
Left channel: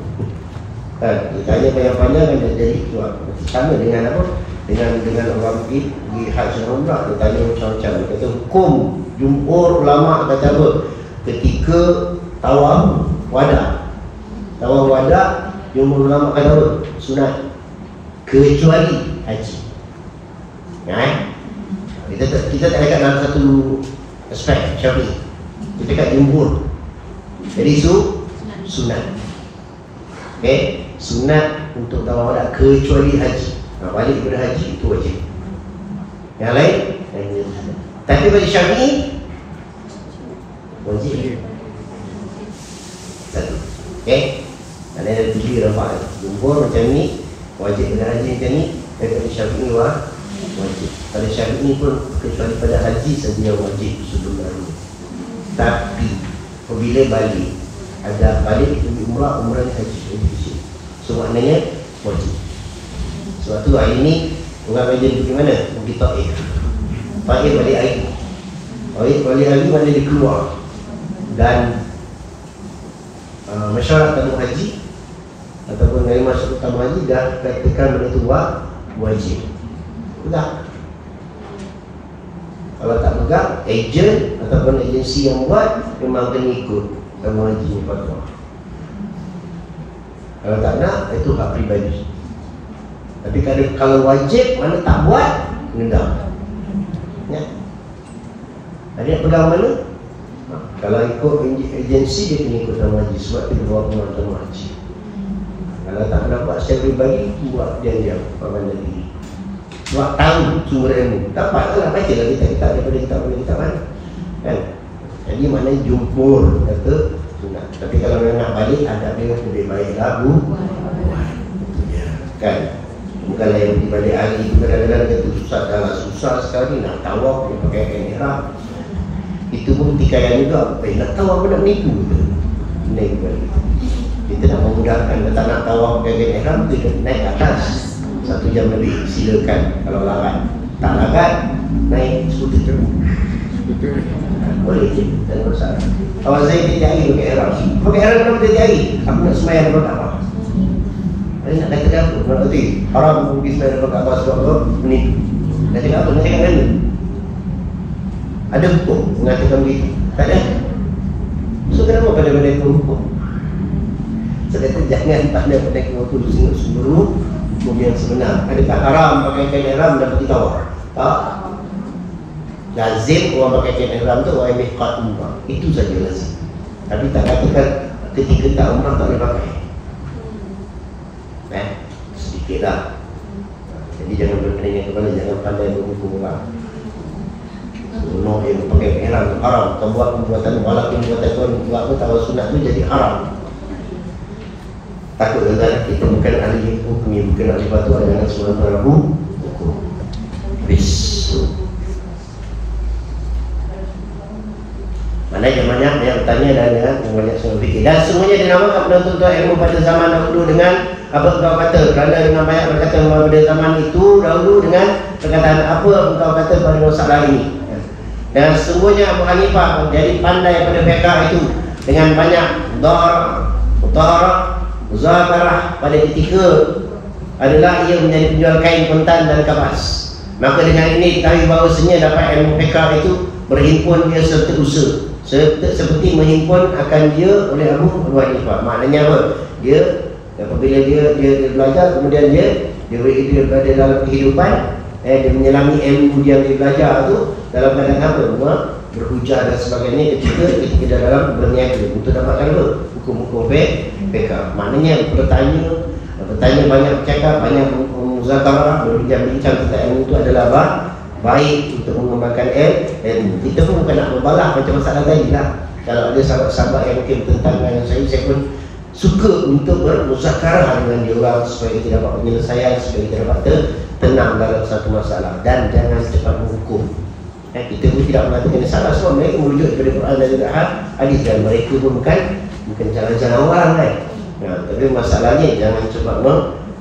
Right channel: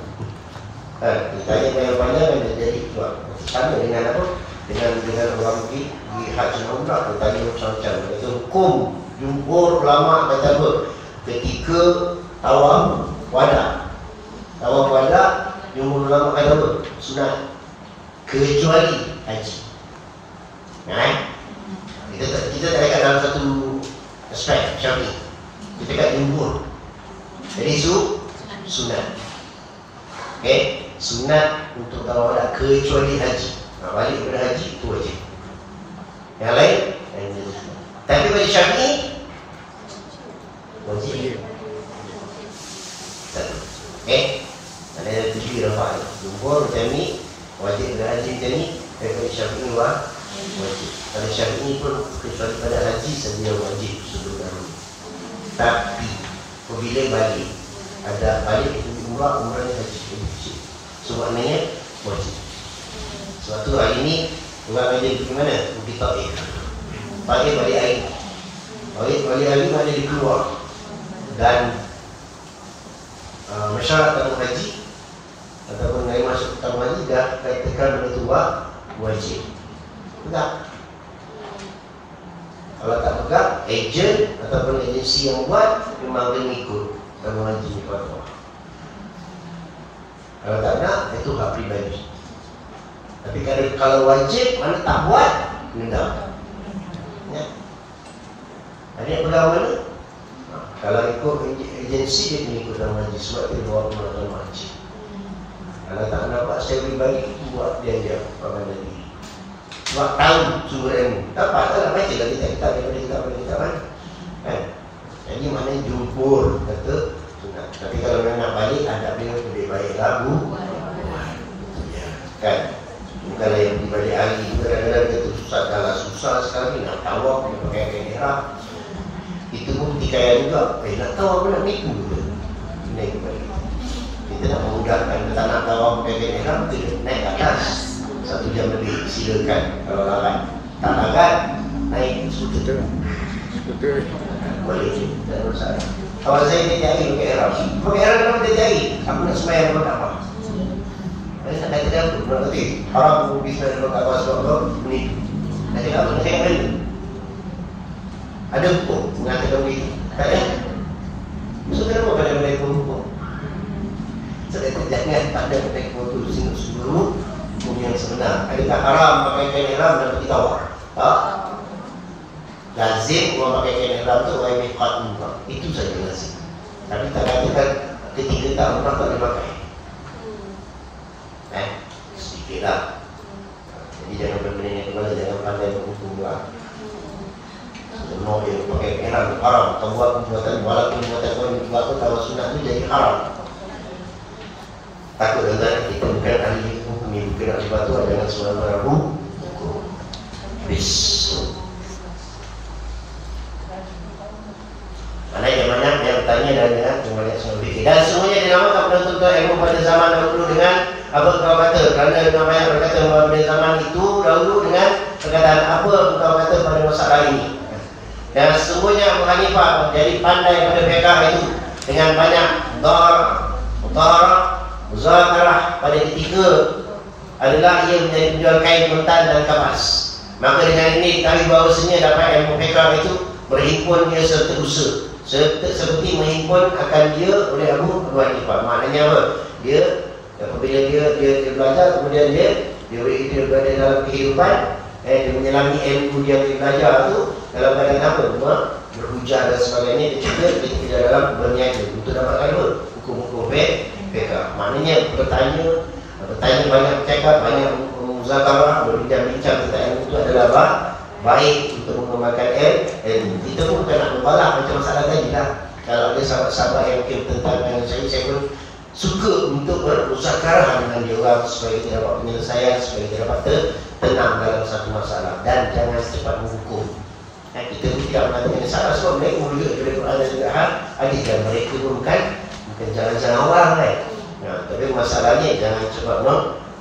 Kan, dia tanya panjang-panjang kan jadi buat. Sama dengan apa? Dengan orang pergi haji dan umrah, dia tanya macam-macam. Dia kata hukum jumhur ulama kata apa? Ketika tawaf wada, jumhur ulama kata apa? Sunat. Kecuali haji. Kita tak dekat dalam satu aspek Syafi'i. Kita dekat jumhur. Jadi sunat. Okey, sunat untuk tawaf wada kecuali haji. Balik pada haji itu wajib. Yang lain hanya sunat. Tapi bagi Syafi'i wajib. Satu. Okey. Ada 7 rafa'ah. Jumhur macam ni wajib dengan haji macam ni, daripada Syafi'i wajib. Pada Syafi'i pun kecuali pada haji saja yang wajib sebelum dahulu. Tapi apabila balik, ada balik itu umrah ni haji wajib. So maknanya wajib. Sebab tu hari ni orang rajin pergi mana? Pergi Taif. Pagi balik hari. Balik hari mana dia keluar. Dan masyarakat tabung haji ataupun dari masuk tabung haji dah praktikal benda tu wajib. Tak. Kalau tak pegang, ejen ataupun agensi yang buat memang kena ikut tabung haji ni fatwa. Kalau tak nak, itu hak peribadi. Tapi kalau wajib, mana tak buat, kena. Ya. Ada yang pegang mana? Kalau ikut agensi, dia kena ikut tabung haji. Sebab dia bawa pegang tabung haji. Kalau tak nak buat secara pribadi, buat diam-diam, pandai diri. Sebab tahu sumber ilmu. Dapat lah, baca lah kitab-kitab daripada kitab kan. Jadi maknanya jumhur kata sunat. Tapi kalau memang nak balik, adabnya lebih baiklah kan. Bukanlah yang pergi balik hari itu kadang-kadang dia tu susah sekali nak tawaf, dia pakai kain ihram. Itu pun tikaian juga. Nak tawaf apa nak menipu kita. Ini kepada kita. Kita nak memudahkan, kita tak nak tawaf pakai kain ihram, kita naik atas 1 jam lebih, silakan. Kalau larat, tak larat, naik skuter. Boleh je, tak ada masalah. Kawan saya tiap hari pakai ihram. Pakai ihram kenapa tiap hari? Aku nak sembahyang depan Kaabah. Saya nak kata apa? Berarti haram pergi sembahyang depan Kaabah sebab apa? Menipu. Kata apa? Nak cakap mana? Ada hukum mengatakan begitu? Tak ada. So kenapa pada mereka hukum? Sedangkan jangan pada mereka waktu sungguh hukum yang sebenar. Adakah haram pakai kain ihram dan pergi tawaf? Tak. Lazim orang pakai kain ihram tu orang miqat umrah. Itu saja lazim. Tapi tak katakan ketika tak umrah tak boleh pakai. Sedikit lah. Jadi jangan berperingkat kepada, jangan pandai berhukum orang. Semua yang pakai kain ihram tu haram. Kau buat perbuatan, walaupun perbuatan kau buat apa tahu sunat tu jadi haram. Takut dengan kita bukan ahli hukum, bukan ahli fatwa, dengan sebelum hukum. Mana yang banyak yang bertanya dan yang banyak semua fikir. Dan semuanya dinamakan penuntut ilmu pada zaman dahulu dengan apa engkau kata. Kerana dengan banyak berkata pada zaman itu dahulu dengan perkataan apa engkau kata pada masalah ini. Dan semuanya Abu Hanifah jadi pandai pada fiqh itu dengan banyak muzakarah pada ketika adalah ia menjadi penjual kain kontan dan kapas. Maka dengan ini ketahui bahawasanya dapat ilmu fiqh itu berhimpun dia serta usaha seperti menghimpun akan dia oleh Abu Hanifah. Maknanya apa? Dia apabila dia belajar, kemudian dia berada dalam kehidupan, dia menyelami ilmu dia belajar tu dalam keadaan apa? Berhujah dan sebagainya ketika dalam berniaga untuk dapatkan hukum-hukum fiqh. Maknanya bertanya banyak cakap, banyak muzakarah, berbincang tentang ilmu itu adalah baik untuk mengembangkan ilmu. Kita pun bukan nak berbalah macam masalah tadi lah. Kalau ada sahabat-sahabat yang mungkin tentang yang saya pun suka untuk bermuzakarah dengan dia orang supaya kita dapat penyelesaian, supaya kita dapat tenang dalam satu masalah, dan jangan cepat menghukum. Kita pun tidak mengatakan ini salah, sebab mereka merujuk kepada Quran dan juga hadis, dan mereka pun bukan jalan-jalan orang lain. Tapi masalahnya jangan cepat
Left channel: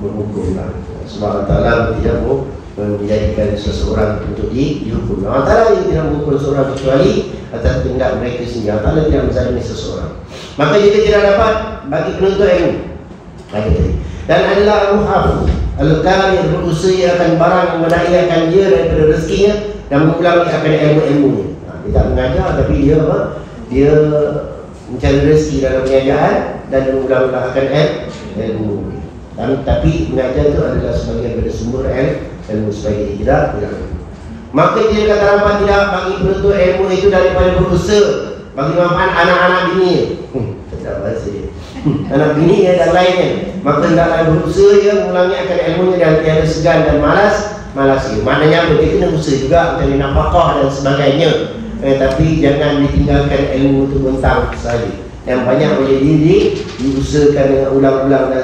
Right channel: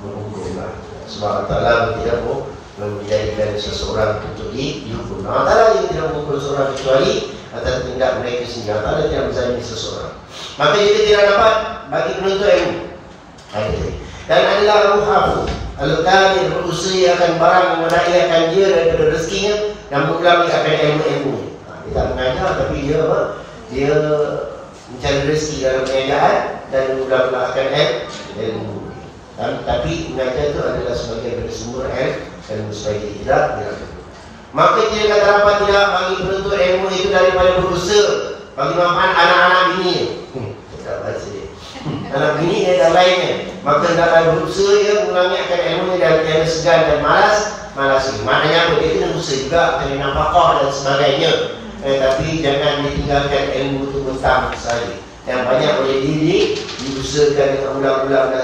menghukum lah. Sebab Allah Ta'ala tidak mau menjadikan seseorang untuk dihukum. Allah Ta'ala tidak menghukum seseorang kecuali atas tindak mereka sendiri. Allah Ta'ala tidak menzalimi seseorang. Maka jika tidak dapat bagi penuntut ilmu dan adalah al-muhafidh al-kamil, berusaha akan barang menaikkan dia daripada rezekinya dan mengulangi akan ilmu-ilmunya. Dia tak mengajar, tapi dia mencari rezeki dalam pengajaran dan mengulang-ulang akan ilmu. Tapi mengajar itu adalah sebagian daripada sumber ilmu supaya dia tidak. Maka jika kata dapat tidak bagi penuntut ilmu itu daripada berusaha bagi manfaat anak-anak bini, tak bahasa dia, anak bini dan lainnya, maka hendaklah berusaha mengulangi akan ilmunya dan tiada segan dan malas. Maknanya apa? Dia kena usaha juga mencari nafkah dan sebagainya, tapi jangan ditinggalkan ilmu itu mentah saja. Yang banyak boleh diusahakan dengan ulang-ulang dan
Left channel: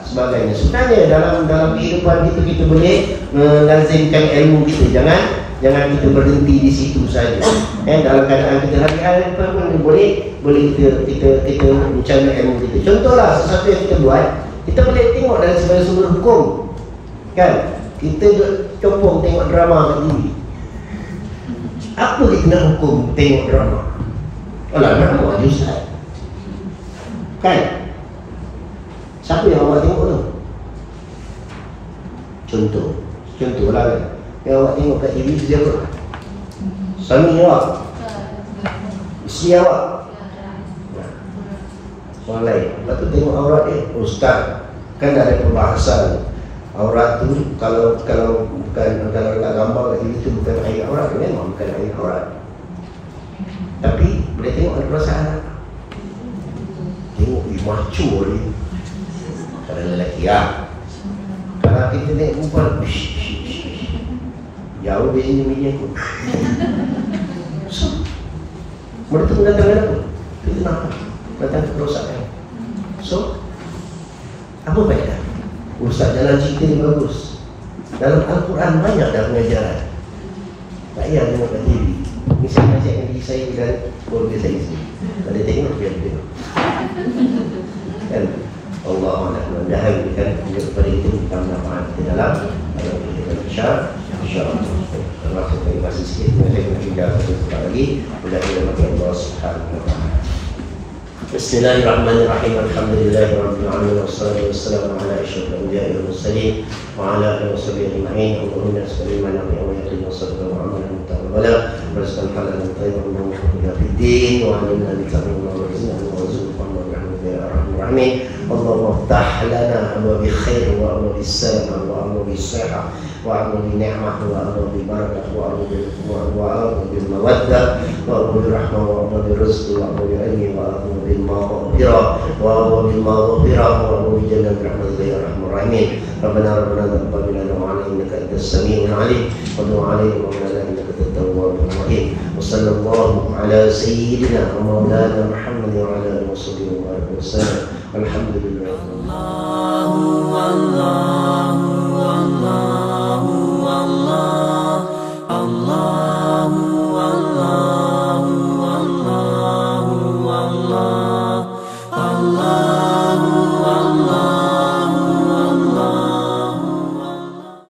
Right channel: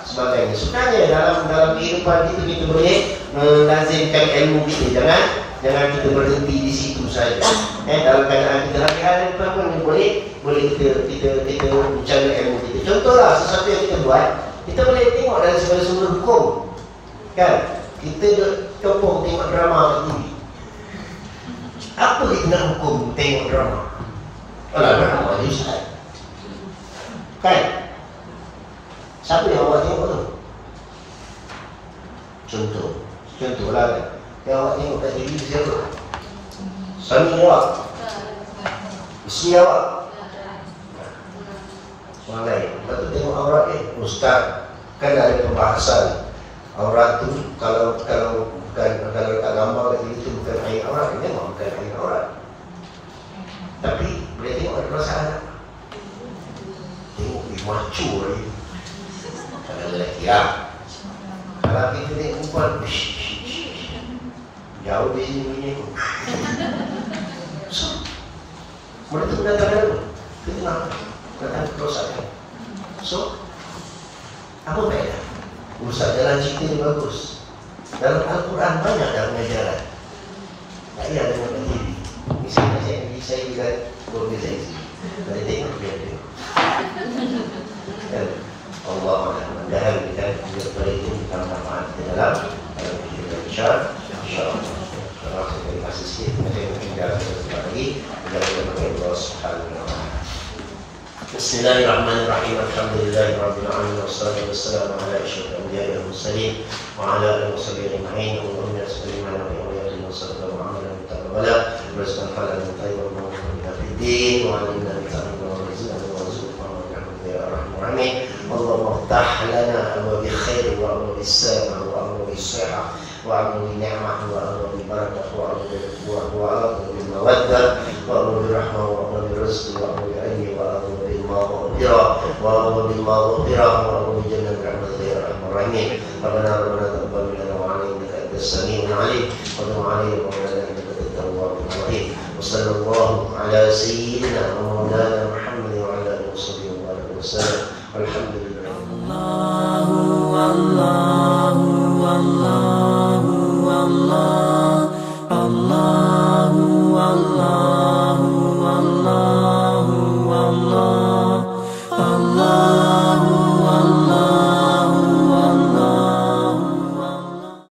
sebagainya. Sukanya dalam kehidupan kita boleh melazimkan ilmu kita. Jangan kita berhenti di situ saja. Dalam keadaan kita lagi hari pun boleh kita mencari ilmu kita. Contohlah sesuatu yang kita buat, kita boleh tengok dari sebagai sumber hukum, kan? Kita copong tengok drama kat TV. Apa kita nak hukum tengok drama? Alah, drama je Ustaz, kan? Siapa yang awak tengok tu? Contohlah kan, yang awak tengok kat TV tu siapa? Suami awak? Isteri awak? Orang lain. Lepas tu tengok aurat dia. Ustaz, kan ada perbahasan aurat tu, kalau bukan gambar kat TV tu bukan air aurat, memang bukan air aurat. Tapi boleh tengok ada perasaan tak? Tengok macho dia. Kalau lelaki lah. Kalau kita naik perempuan, jauh dia sini bini aku. So, mereka tu datang apa? Fitnah, datang kerosakan. So, apa faedah? Urusan jalan cerita ni bagus. Dalam Al-Quran banyak dah pengajaran. Tak payah tengok kat TV. Misalnya saya yang saya dan keluarga saya sendiri. Kalau dia tengok, dia tengok. Kan? Allah mudah-mudahan berikan kepada itu kita manfaat di dalam kita insya-Allah. Terima kasih sikit. Saya mungkin dah satu tempat lagi. Mudah-mudahan Allah Subhanahu wa taala. Bismillahirrahmanirrahim. Alhamdulillahirabbil alamin wassalatu wassalamu ala asyrafil anbiya'i wal mursalin wa ala alihi washabbihi ajma'in. Allahumma salli ala Muhammadin wa sallallahu alaihi wa sallam. Rizqan halalan thayyiban mubarakun fid din wa ala alihi wa sahbihi wa sallam. Ya arhamar rahimin. Allahumma iftah lana abwaab khair wa abwaab salamah wa abwaab sihah wa abwaab ni'mah wa abwaab barakah wa abwaab mawaddah wa abwaab rahmah wa abwaab rizq wa abwaab ilmi wa abwaab maghfirah wa abwaab maghfirah wa abwaab jannah rahmatika ya arhamar rahimin. Rabbana taqabbal minna wa 'alaina innaka antas samiul 'alim wa tub 'alaina innaka antat tawwabur rahim. Wa sallallahu ala sayyidina wa maulana Muhammad wa ala alihi wa sahbihi wa sallam. Alhamdulillah.